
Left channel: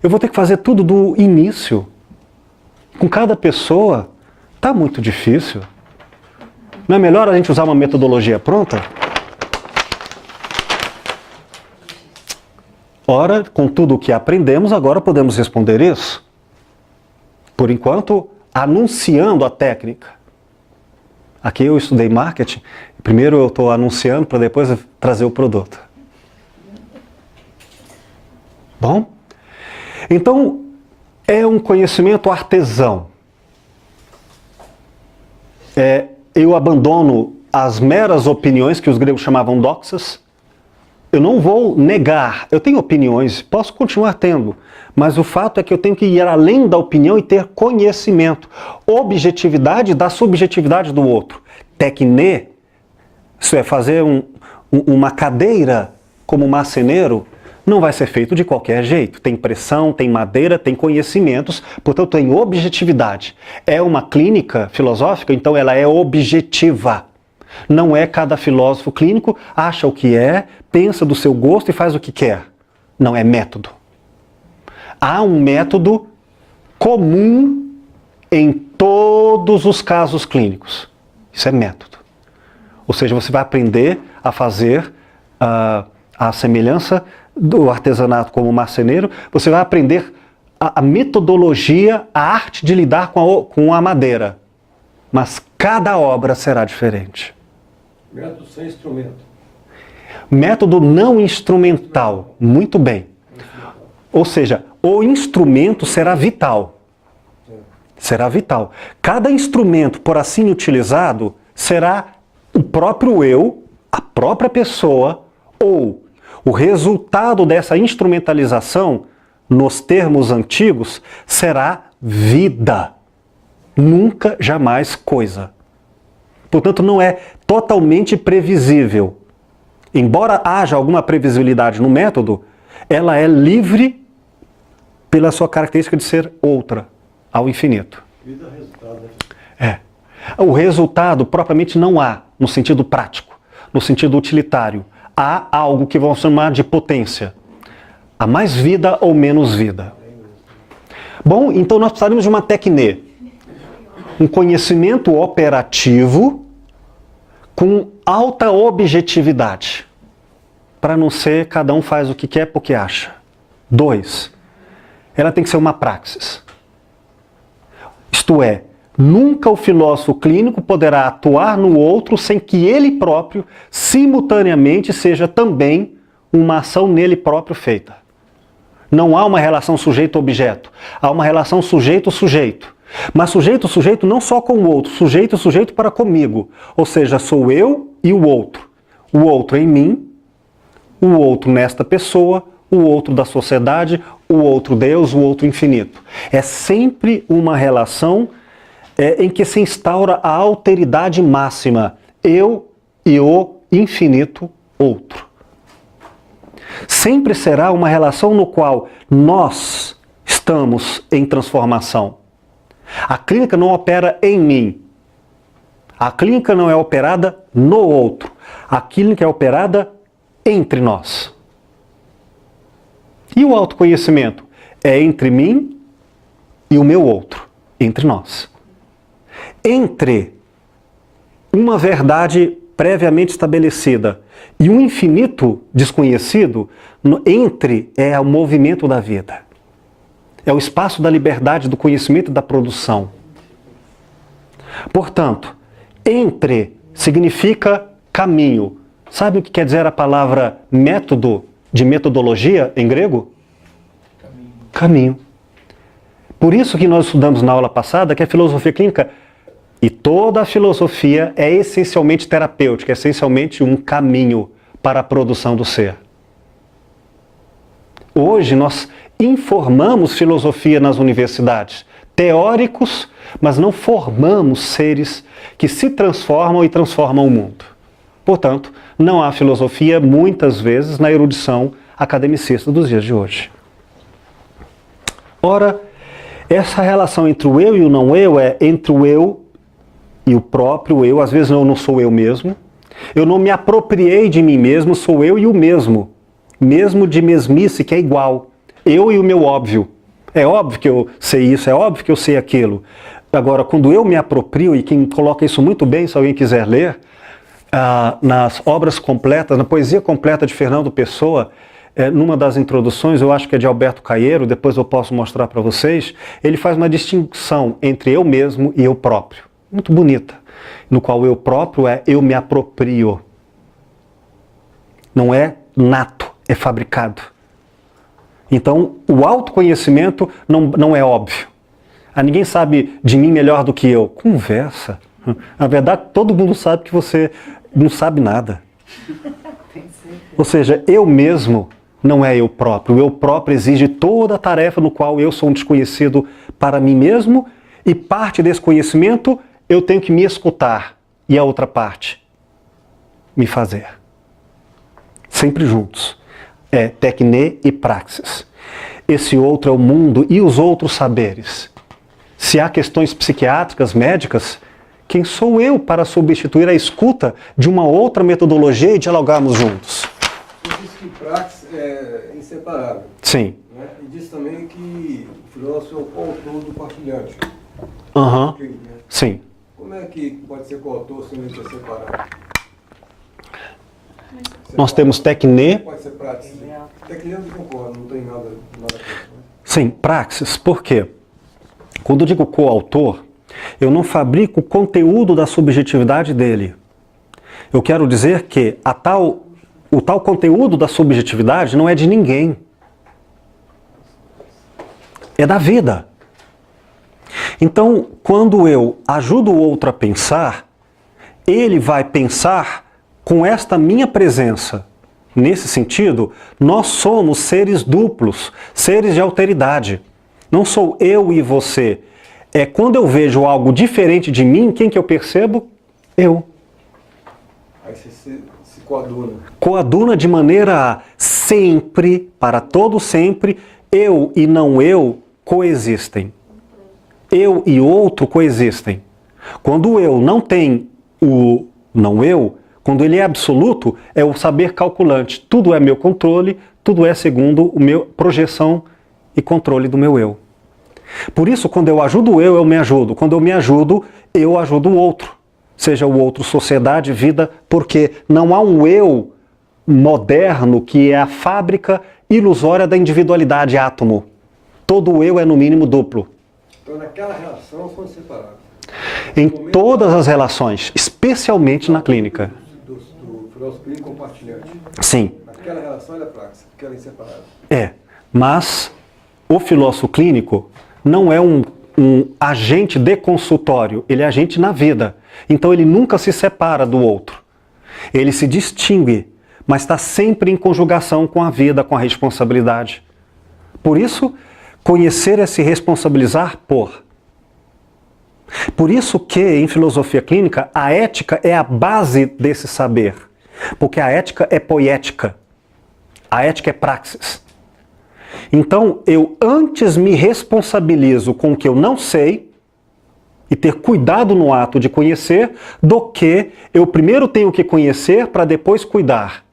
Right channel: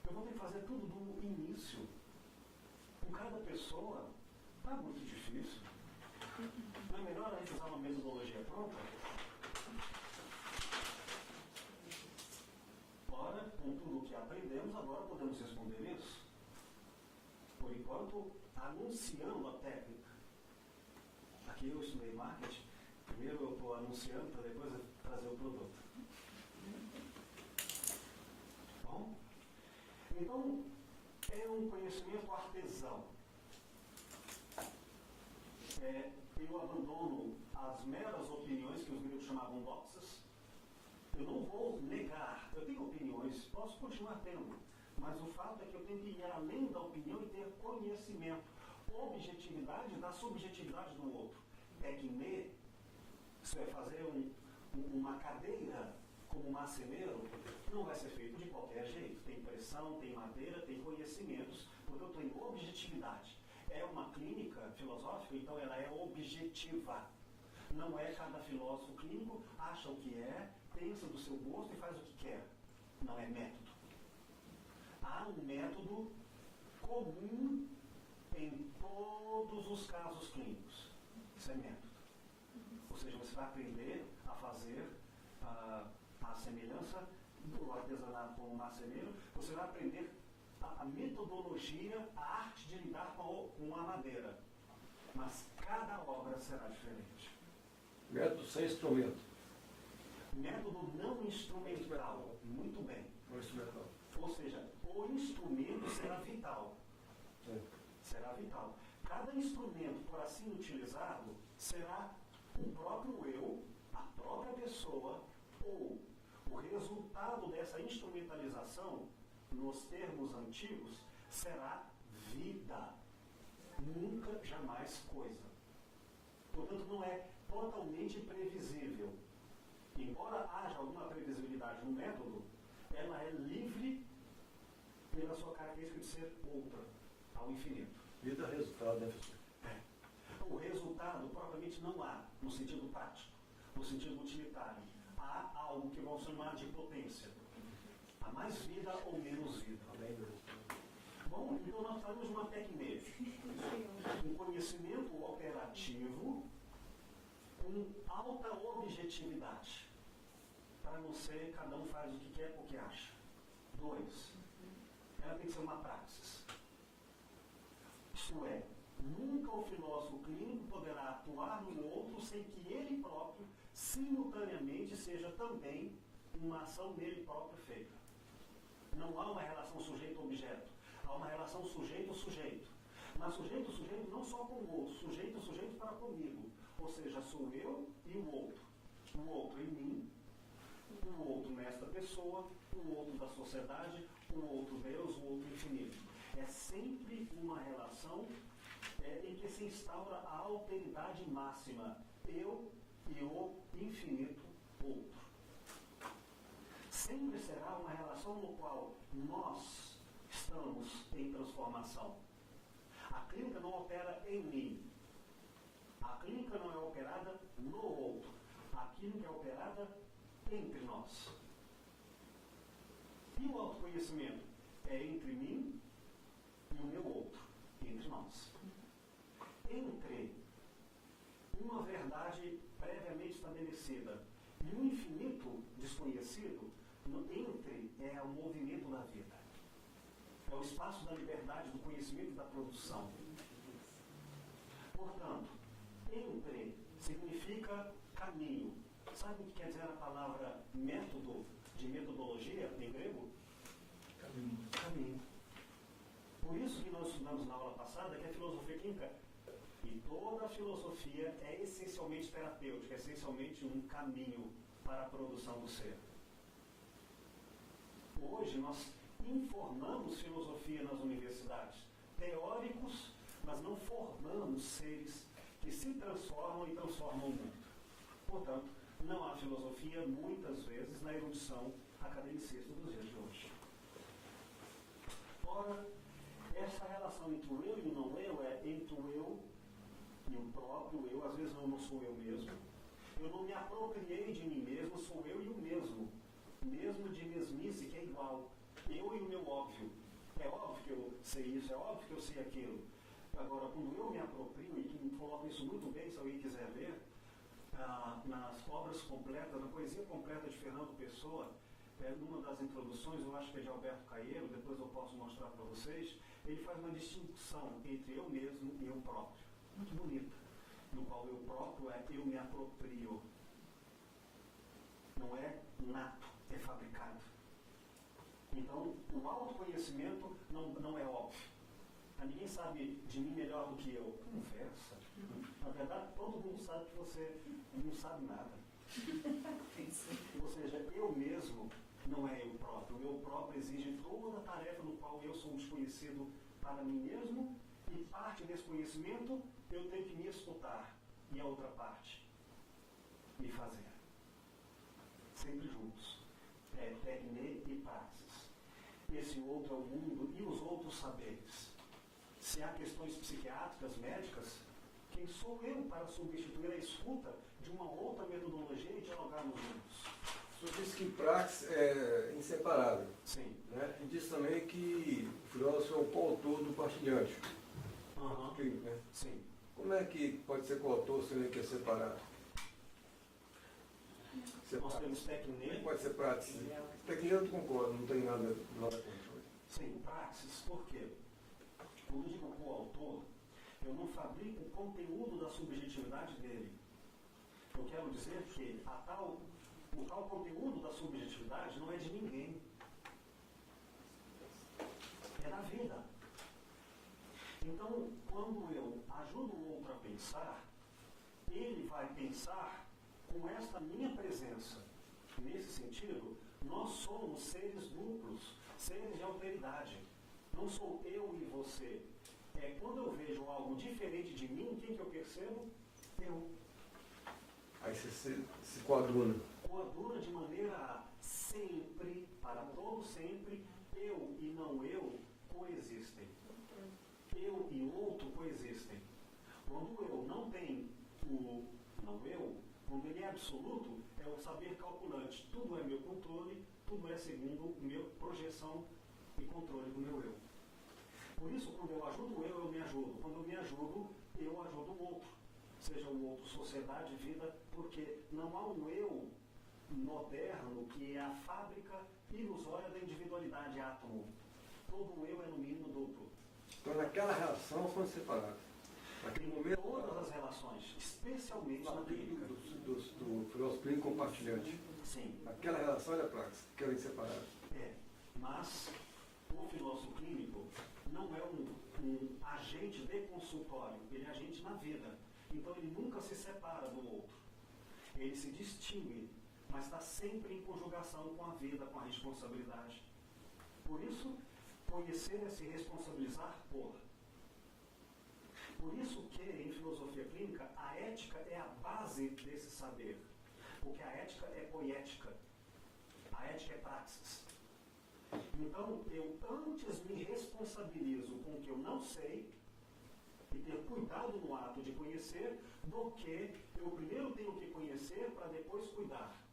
Eu vou ter que fazer tudo do início. Com cada pessoa, está muito difícil. Não é melhor a gente usar uma metodologia pronta? Ora, com tudo o que aprendemos, agora podemos responder isso. Por enquanto, anunciando a técnica. Aqui eu estudei marketing, primeiro eu estou anunciando para depois trazer o produto. Bom? Então, é um conhecimento artesão. Eu abandono as meras opiniões que os gregos chamavam doxas. Eu não vou negar, eu tenho opiniões, posso continuar tendo, mas o fato é que eu tenho que ir além da opinião e ter conhecimento, objetividade da subjetividade do outro. Tecne, isso é, fazer uma cadeira como marceneiro, não vai ser feito de qualquer jeito. Tem pressão, tem madeira, tem conhecimentos, portanto tem objetividade. É uma clínica filosófica, então ela é objetiva. Não é cada filósofo clínico acha o que é, pensa do seu gosto e faz o que quer. Não, é método. Há um método comum em todos os casos clínicos. Isso é método. Ou seja, você vai aprender a fazer a semelhança do artesanato como marceneiro, você vai aprender a metodologia, a arte de lidar com a madeira. Mas cada obra será diferente. Método sem instrumento. Método não instrumental. Muito bem. Ou seja, o instrumento será vital. Será vital. Cada instrumento, por assim utilizado, será o próprio eu, a própria pessoa, ou o resultado dessa instrumentalização, nos termos antigos, será vida. Nunca, jamais coisa. Portanto, não é totalmente previsível. embora haja alguma previsibilidade no método, ela é livre pela sua característica de ser outra, ao infinito. E dá resultado, né? É. O resultado propriamente não há, no sentido prático, no sentido utilitário. Há algo que vamos chamar de potência. Há mais vida ou menos vida. Bom, então nós precisaríamos de uma tecne, um conhecimento operativo com alta objetividade, para não ser cada um faz o que quer porque acha. 2, ela tem que ser uma praxis. Isto é, nunca o filósofo clínico poderá atuar no outro sem que ele próprio, simultaneamente, seja também uma ação nele próprio feita. Não há uma relação sujeito-objeto, há uma relação sujeito-sujeito. Mas sujeito-sujeito não só com o outro, sujeito-sujeito para comigo. Ou seja, sou eu e o outro. O outro em mim, o outro nesta pessoa, o outro da sociedade, o outro Deus, o outro infinito. É sempre uma relação em que se instaura a alteridade máxima. Eu e o infinito outro. Sempre será uma relação no qual nós estamos em transformação. A clínica não opera em mim. A clínica não é operada no outro. A clínica é operada entre nós. E o autoconhecimento? É entre mim e o meu outro, entre nós. Entre uma verdade previamente estabelecida e um infinito desconhecido, entre é o movimento da vida. É o espaço da liberdade, do conhecimento e da produção. Portanto, entre significa caminho. Sabe o que quer dizer a palavra método, de metodologia em grego? Caminho. Por isso que nós estudamos na aula passada que a filosofia clínica, e toda a filosofia é essencialmente terapêutica, é essencialmente um caminho para a produção do ser. Hoje nós informamos filosofia nas universidades, teóricos, mas não formamos seres que se transformam e transformam o mundo. Portanto, não há filosofia, muitas vezes, na erudição academicista dos dias de hoje. Ora, essa relação entre o eu e o não eu é entre o eu e o próprio eu. Às vezes eu não sou eu mesmo. Eu não me apropriei de mim mesmo, sou eu e o mesmo. Mesmo de mesmice, que é igual. Eu e o meu óbvio. É óbvio que eu sei isso, é óbvio que eu sei aquilo. Agora, quando eu me aproprio, e quem coloca isso muito bem, se alguém quiser ler, nas obras completas, na poesia completa de Fernando Pessoa, numa das introduções, eu acho que é de Alberto Caeiro, depois eu posso mostrar para vocês, ele faz uma distinção entre eu mesmo e eu próprio. Muito bonita. No qual eu próprio é eu me aproprio. Não é nato, é fabricado. Então, o autoconhecimento não é óbvio. Ninguém sabe de mim melhor do que eu. Conversa. Na verdade, todo mundo sabe que você não sabe nada. Ou seja, eu mesmo não é eu próprio. O eu próprio exige toda a tarefa no qual eu sou um desconhecido para mim mesmo, e parte desse conhecimento eu tenho que me escutar, e a outra parte, me fazer. Sempre juntos. É tecne e praxis. Esse outro é o mundo e os outros saberes. Se há questões psiquiátricas, médicas, quem sou eu para substituir a escuta de uma outra metodologia e dialogarmos juntos? Você disse que praxis é inseparável. Sim. Né? E disse também que o filósofo é o coautor do partilhante. Aham. Né? Sim. Como é que pode ser coautor se não é separado? Nós temos tecne. Pode ser praxis. Tecne eu concordo, não tem nada a ver. Sim, praxis. Por quê? Quando eu digo coautor, eu não fabrico o conteúdo da subjetividade dele. Eu quero dizer que o tal conteúdo da subjetividade não é de ninguém. É da vida. Então, quando eu ajudo o outro a pensar, ele vai pensar com esta minha presença. Nesse sentido, nós somos seres duplos, seres de alteridade. Não sou eu e você. É quando eu vejo algo diferente de mim, quem que eu percebo? Eu. Aí Aí você se coaduna. Coaduna de maneira a sempre, para todo sempre, eu e não eu coexistem. Eu e outro coexistem. Quando o eu não tem o não eu, quando ele é absoluto, é o saber calculante. Tudo é meu controle, tudo é segundo o meu projeção e controle do meu eu. Por isso, quando eu ajudo eu me ajudo. Quando eu ajudo o outro. Seja o outro sociedade, vida, porque não há um eu moderno que é a fábrica ilusória da individualidade átomo. Todo eu é no mínimo duplo. Então naquela relação são separados. Em todas as relações, especialmente na clínica. Do filósofo clínico compartilhante. Sim. Naquela relação ele é praxis, porque ela é inseparável. É, mas o filósofo clínico não é um agente de consultório, ele é agente na vida. Então ele nunca se separa do outro. Ele se distingue, mas está sempre em conjugação com a vida, com a responsabilidade. Por isso, conhecer é se responsabilizar por. Por isso que, em filosofia clínica, a ética é a base desse saber. Porque a ética é poética. A ética é praxis. Então, eu antes me responsabilizo com o que eu não sei e ter cuidado no ato de conhecer, do que eu primeiro tenho que conhecer para depois cuidar.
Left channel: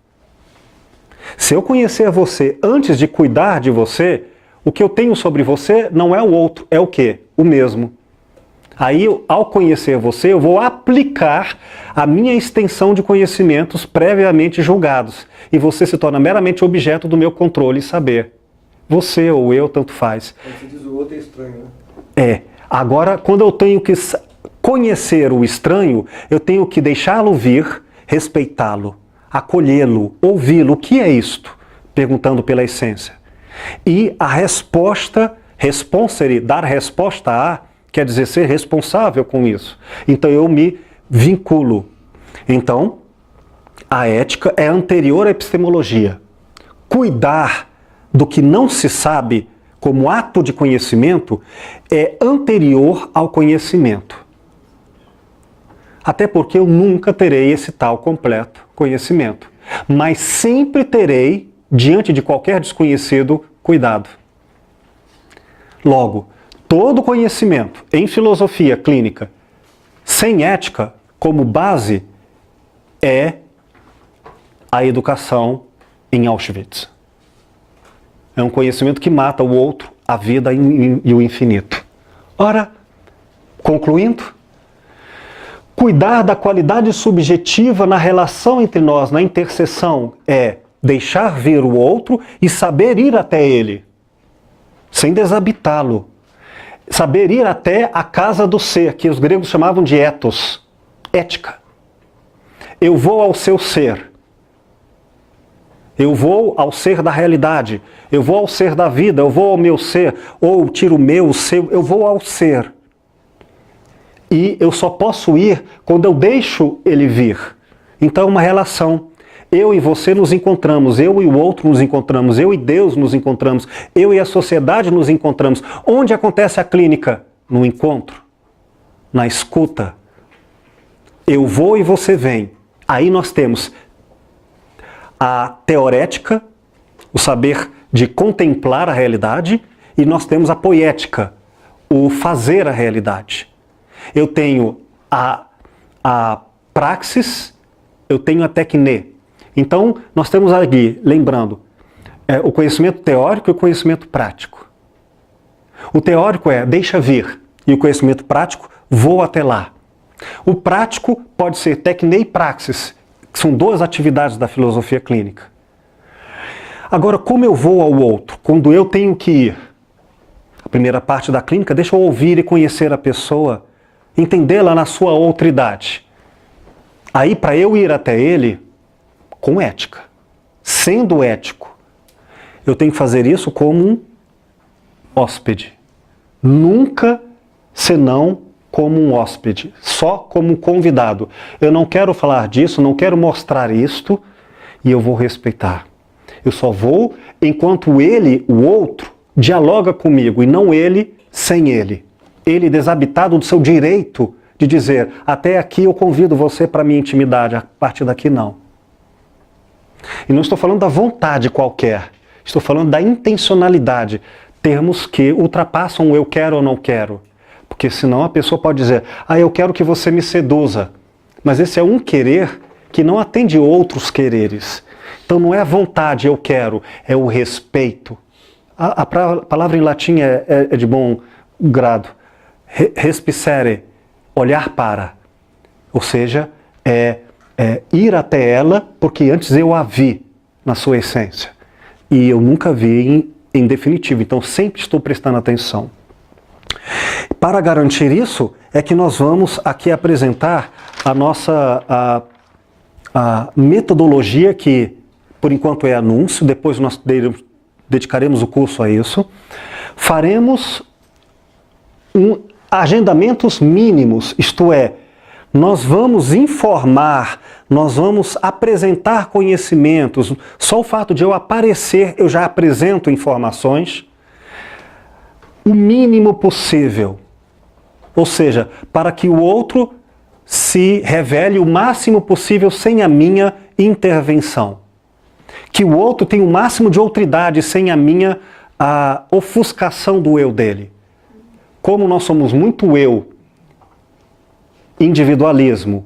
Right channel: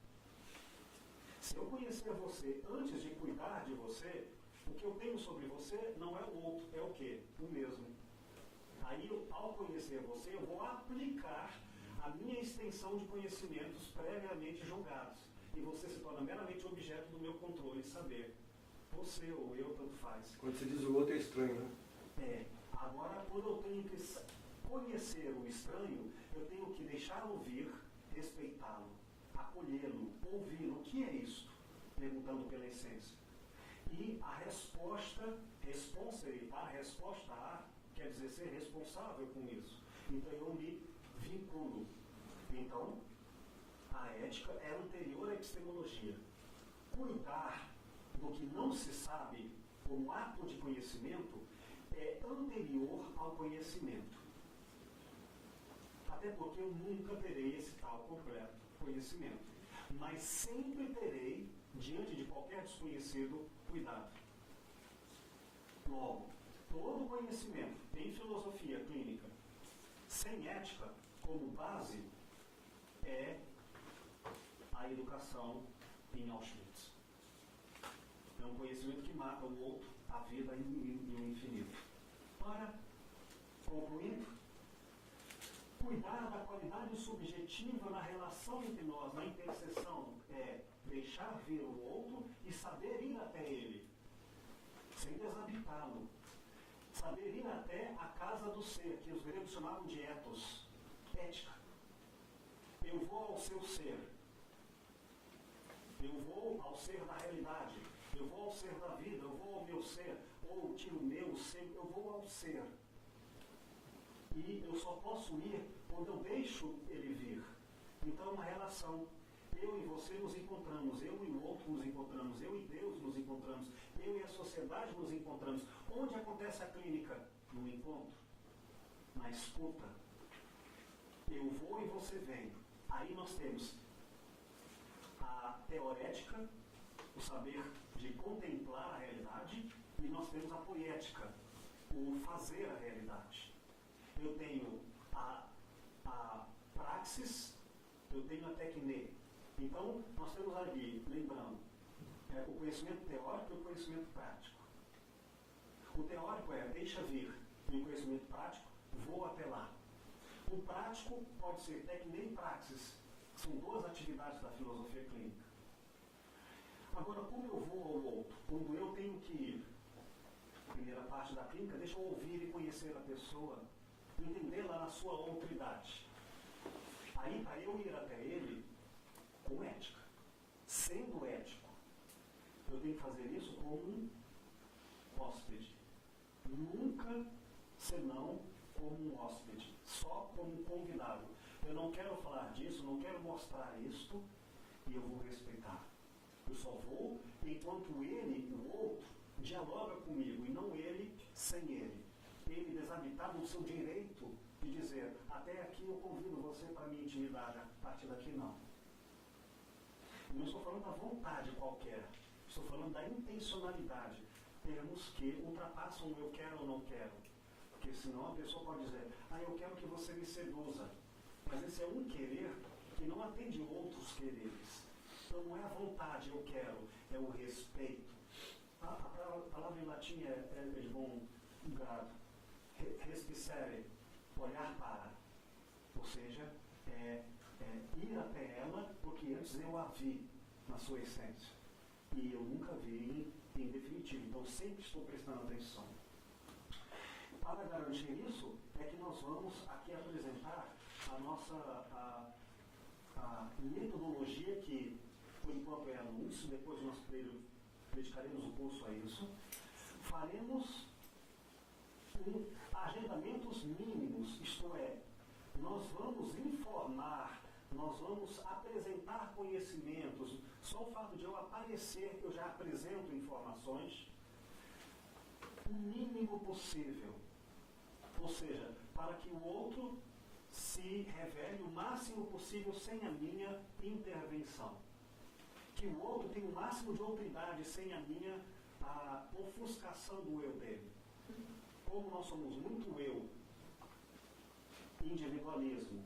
Se eu conhecer você antes de cuidar de você, o que eu tenho sobre você não é o outro, é o quê? O mesmo. Aí, ao conhecer você, eu vou aplicar a minha extensão de conhecimentos previamente julgados. E você se torna meramente objeto do meu controle e saber. Você ou eu, tanto faz. Aí você diz o outro é estranho, né? É. Agora, quando eu tenho que conhecer o estranho, eu tenho que deixá-lo vir, respeitá-lo, acolhê-lo, ouvi-lo. O que é isto? Perguntando pela essência. E a resposta, responsere, dar resposta a, quer dizer ser responsável com isso. Então eu me vinculo. Então, a ética é anterior à epistemologia. Cuidar do que não se sabe como ato de conhecimento é anterior ao conhecimento. Até porque eu nunca terei esse tal completo conhecimento. Mas sempre terei, diante de qualquer desconhecido, cuidado. Logo, todo conhecimento em filosofia clínica sem ética como base é a educação em Auschwitz. É um conhecimento que mata o outro, a vida e o infinito. Ora, concluindo, cuidar da qualidade subjetiva na relação entre nós, na interseção, é deixar vir o outro e saber ir até ele, sem desabitá-lo. Saber ir até a casa do ser, que os gregos chamavam de ethos, ética. Eu vou ao seu ser. Eu vou ao ser da realidade. Eu vou ao ser da vida. Eu vou ao meu ser. Ou tiro o meu, o seu. Eu vou ao ser. E eu só posso ir quando eu deixo ele vir. Então é uma relação. Eu e você nos encontramos, eu e o outro nos encontramos, eu e Deus nos encontramos, eu e a sociedade nos encontramos. Onde acontece a clínica? No encontro, na escuta. Eu vou e você vem. Aí nós temos a teorética, o saber de contemplar a realidade, e nós temos a poética, o fazer a realidade. Eu tenho a praxis, eu tenho a tecne. Então, nós temos aqui, lembrando, o conhecimento teórico e o conhecimento prático. O teórico é deixa vir, e o conhecimento prático vou até lá. O prático pode ser tecne e praxis, que são duas atividades da filosofia clínica. Agora, como eu vou ao outro? Quando eu tenho que ir? A primeira parte da clínica, deixa eu ouvir e conhecer a pessoa, entendê-la na sua outridade. Aí, para eu ir até ele, com ética, sendo ético, eu tenho que fazer isso como um hóspede. Nunca senão como um hóspede, só como um convidado. Eu não quero falar disso, não quero mostrar isto, e eu vou respeitar. Eu só vou enquanto ele, o outro, dialoga comigo, e não ele sem ele. Ele desabitado do seu direito de dizer, até aqui eu convido você para a minha intimidade, a partir daqui não. E não estou falando da vontade qualquer, estou falando da intencionalidade, termos que ultrapassam o eu quero ou não quero. Porque senão a pessoa pode dizer, eu quero que você me seduza. Mas esse é um querer que não atende outros quereres. Então não é a vontade, eu quero, é o respeito. A palavra em latim é de bom grado. Respicere, olhar para. Ou seja, ir até ela, porque antes eu a vi na sua essência. E eu nunca vi em definitivo, então sempre estou prestando atenção. Para garantir isso, é que nós vamos aqui apresentar a nossa a metodologia que, por enquanto, é anúncio, depois nós dedicaremos o curso a isso. Faremos agendamentos mínimos, isto é, nós vamos informar, nós vamos apresentar conhecimentos. Só o fato de eu aparecer, eu já apresento informações. O mínimo possível. Ou seja, para que o outro se revele o máximo possível sem a minha intervenção. Que o outro tenha o máximo de outridade sem a minha ofuscação do eu dele. Como nós somos muito eu, individualismo,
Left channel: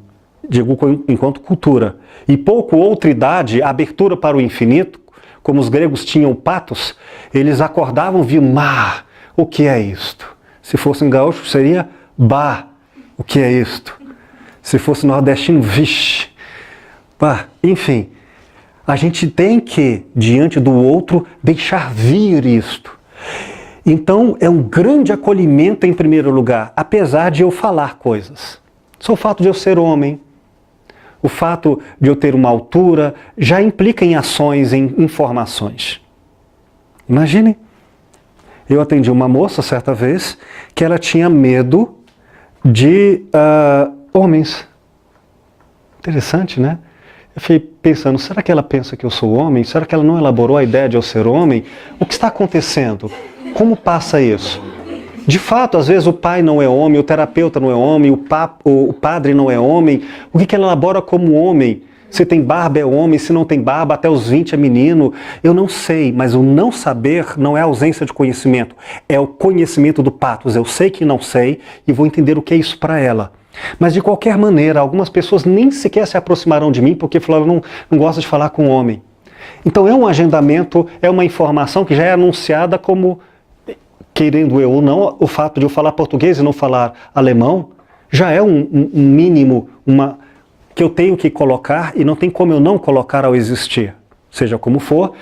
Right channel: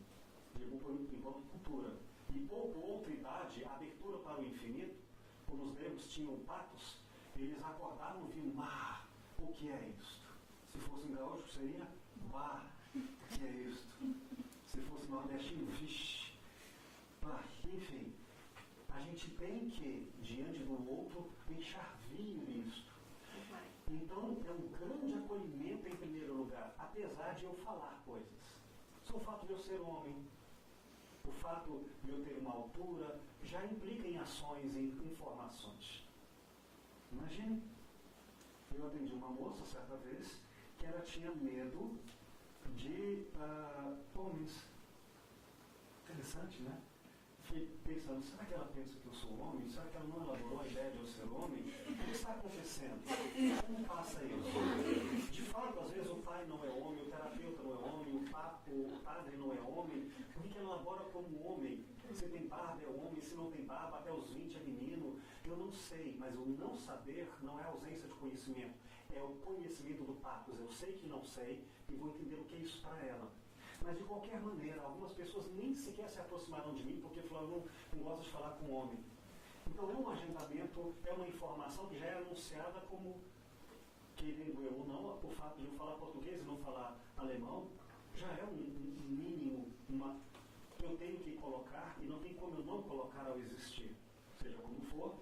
digo enquanto cultura, e pouco outridade, abertura para o infinito, como os gregos tinham o patos, eles acordavam, viam mar. O que é isto? Se fosse em gaúcho, seria bah. O que é isto? Se fosse nordestino, vixe. Bah. Enfim, a gente tem que, diante do outro, deixar vir isto. Então, é um grande acolhimento em primeiro lugar, apesar de eu falar coisas. Só o fato de eu ser homem, o fato de eu ter uma altura, já implica em ações, em informações. Imagine. Eu atendi uma moça certa vez que ela tinha medo de homens. Interessante, né? Eu fiquei pensando, será que ela pensa que eu sou homem? Será que ela não elaborou a ideia de eu ser homem? O que está acontecendo? Como passa isso? De fato, às vezes o pai não é homem, o terapeuta não é homem, o padre não é homem. O que ela elabora como homem? Se tem barba é homem, se não tem barba, até os 20 é menino. Eu não sei, mas o não saber não é ausência de conhecimento. É o conhecimento do patos. Eu sei que não sei e vou entender o que é isso para ela. Mas de qualquer maneira, algumas pessoas nem sequer se aproximarão de mim porque falaram, não gosta de falar com homem. Então é um agendamento, é uma informação que já é anunciada como, querendo eu ou não, o fato de eu falar português e não falar alemão, já é um mínimo, que eu tenho que colocar e não tem como eu não colocar ao existir. Seja como for,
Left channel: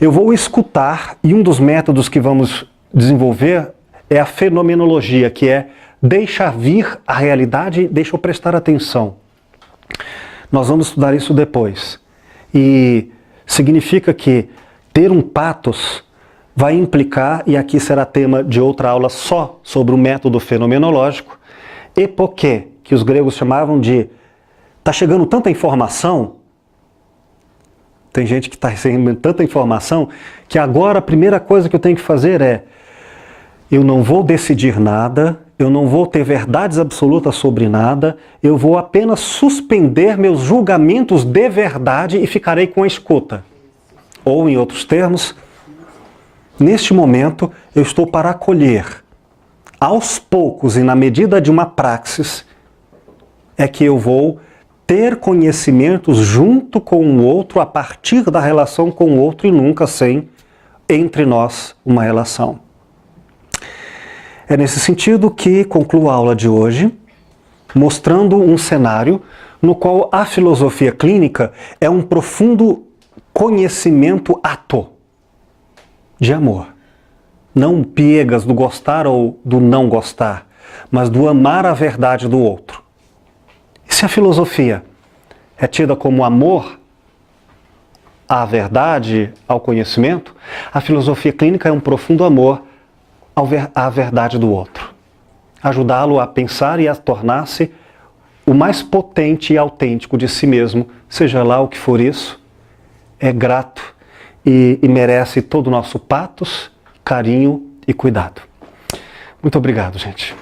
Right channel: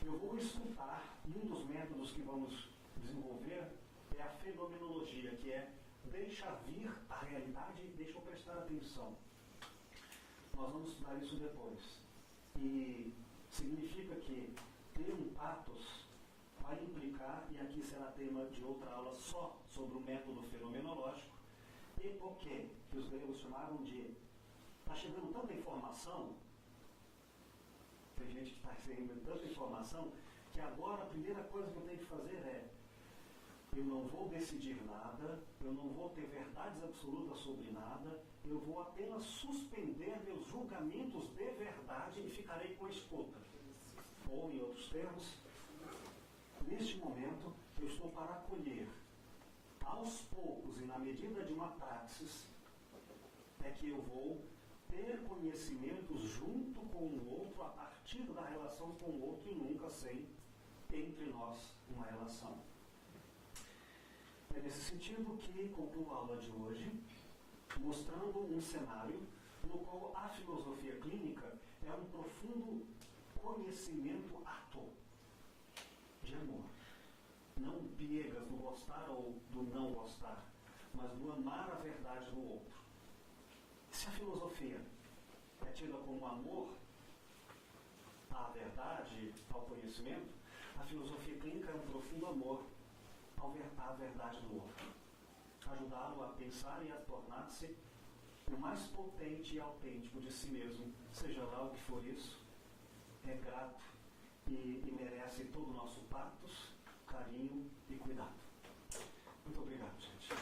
eu vou escutar e um dos métodos que vamos desenvolver é a fenomenologia, que é deixa vir a realidade, deixa eu prestar atenção. Nós vamos estudar isso depois. E significa que ter um patos vai implicar, e aqui será tema de outra aula só sobre o método fenomenológico, epoquê, que os gregos chamavam de está chegando tanta informação, tem gente que está recebendo tanta informação, que agora a primeira coisa que eu tenho que fazer é, eu não vou decidir nada, eu não vou ter verdades absolutas sobre nada, eu vou apenas suspender meus julgamentos de verdade e ficarei com a escuta. Ou, em outros termos, neste momento eu estou para acolher, aos poucos e na medida de uma praxis, é que eu vou ter conhecimentos junto com o outro, a partir da relação com o outro e nunca sem, entre nós, uma relação. É nesse sentido que concluo a aula de hoje, mostrando um cenário no qual a filosofia clínica é um profundo conhecimento ato de amor. Não piegas do gostar ou do não gostar, mas do amar a verdade do outro. E se a filosofia é tida como amor à verdade, ao conhecimento, a filosofia clínica é um profundo amor à verdade do outro. Ajudá-lo a pensar e a tornar-se o mais potente e autêntico de si mesmo, seja lá o que for isso, é grato e merece todo o nosso patos, carinho e cuidado. Muito obrigado, gente.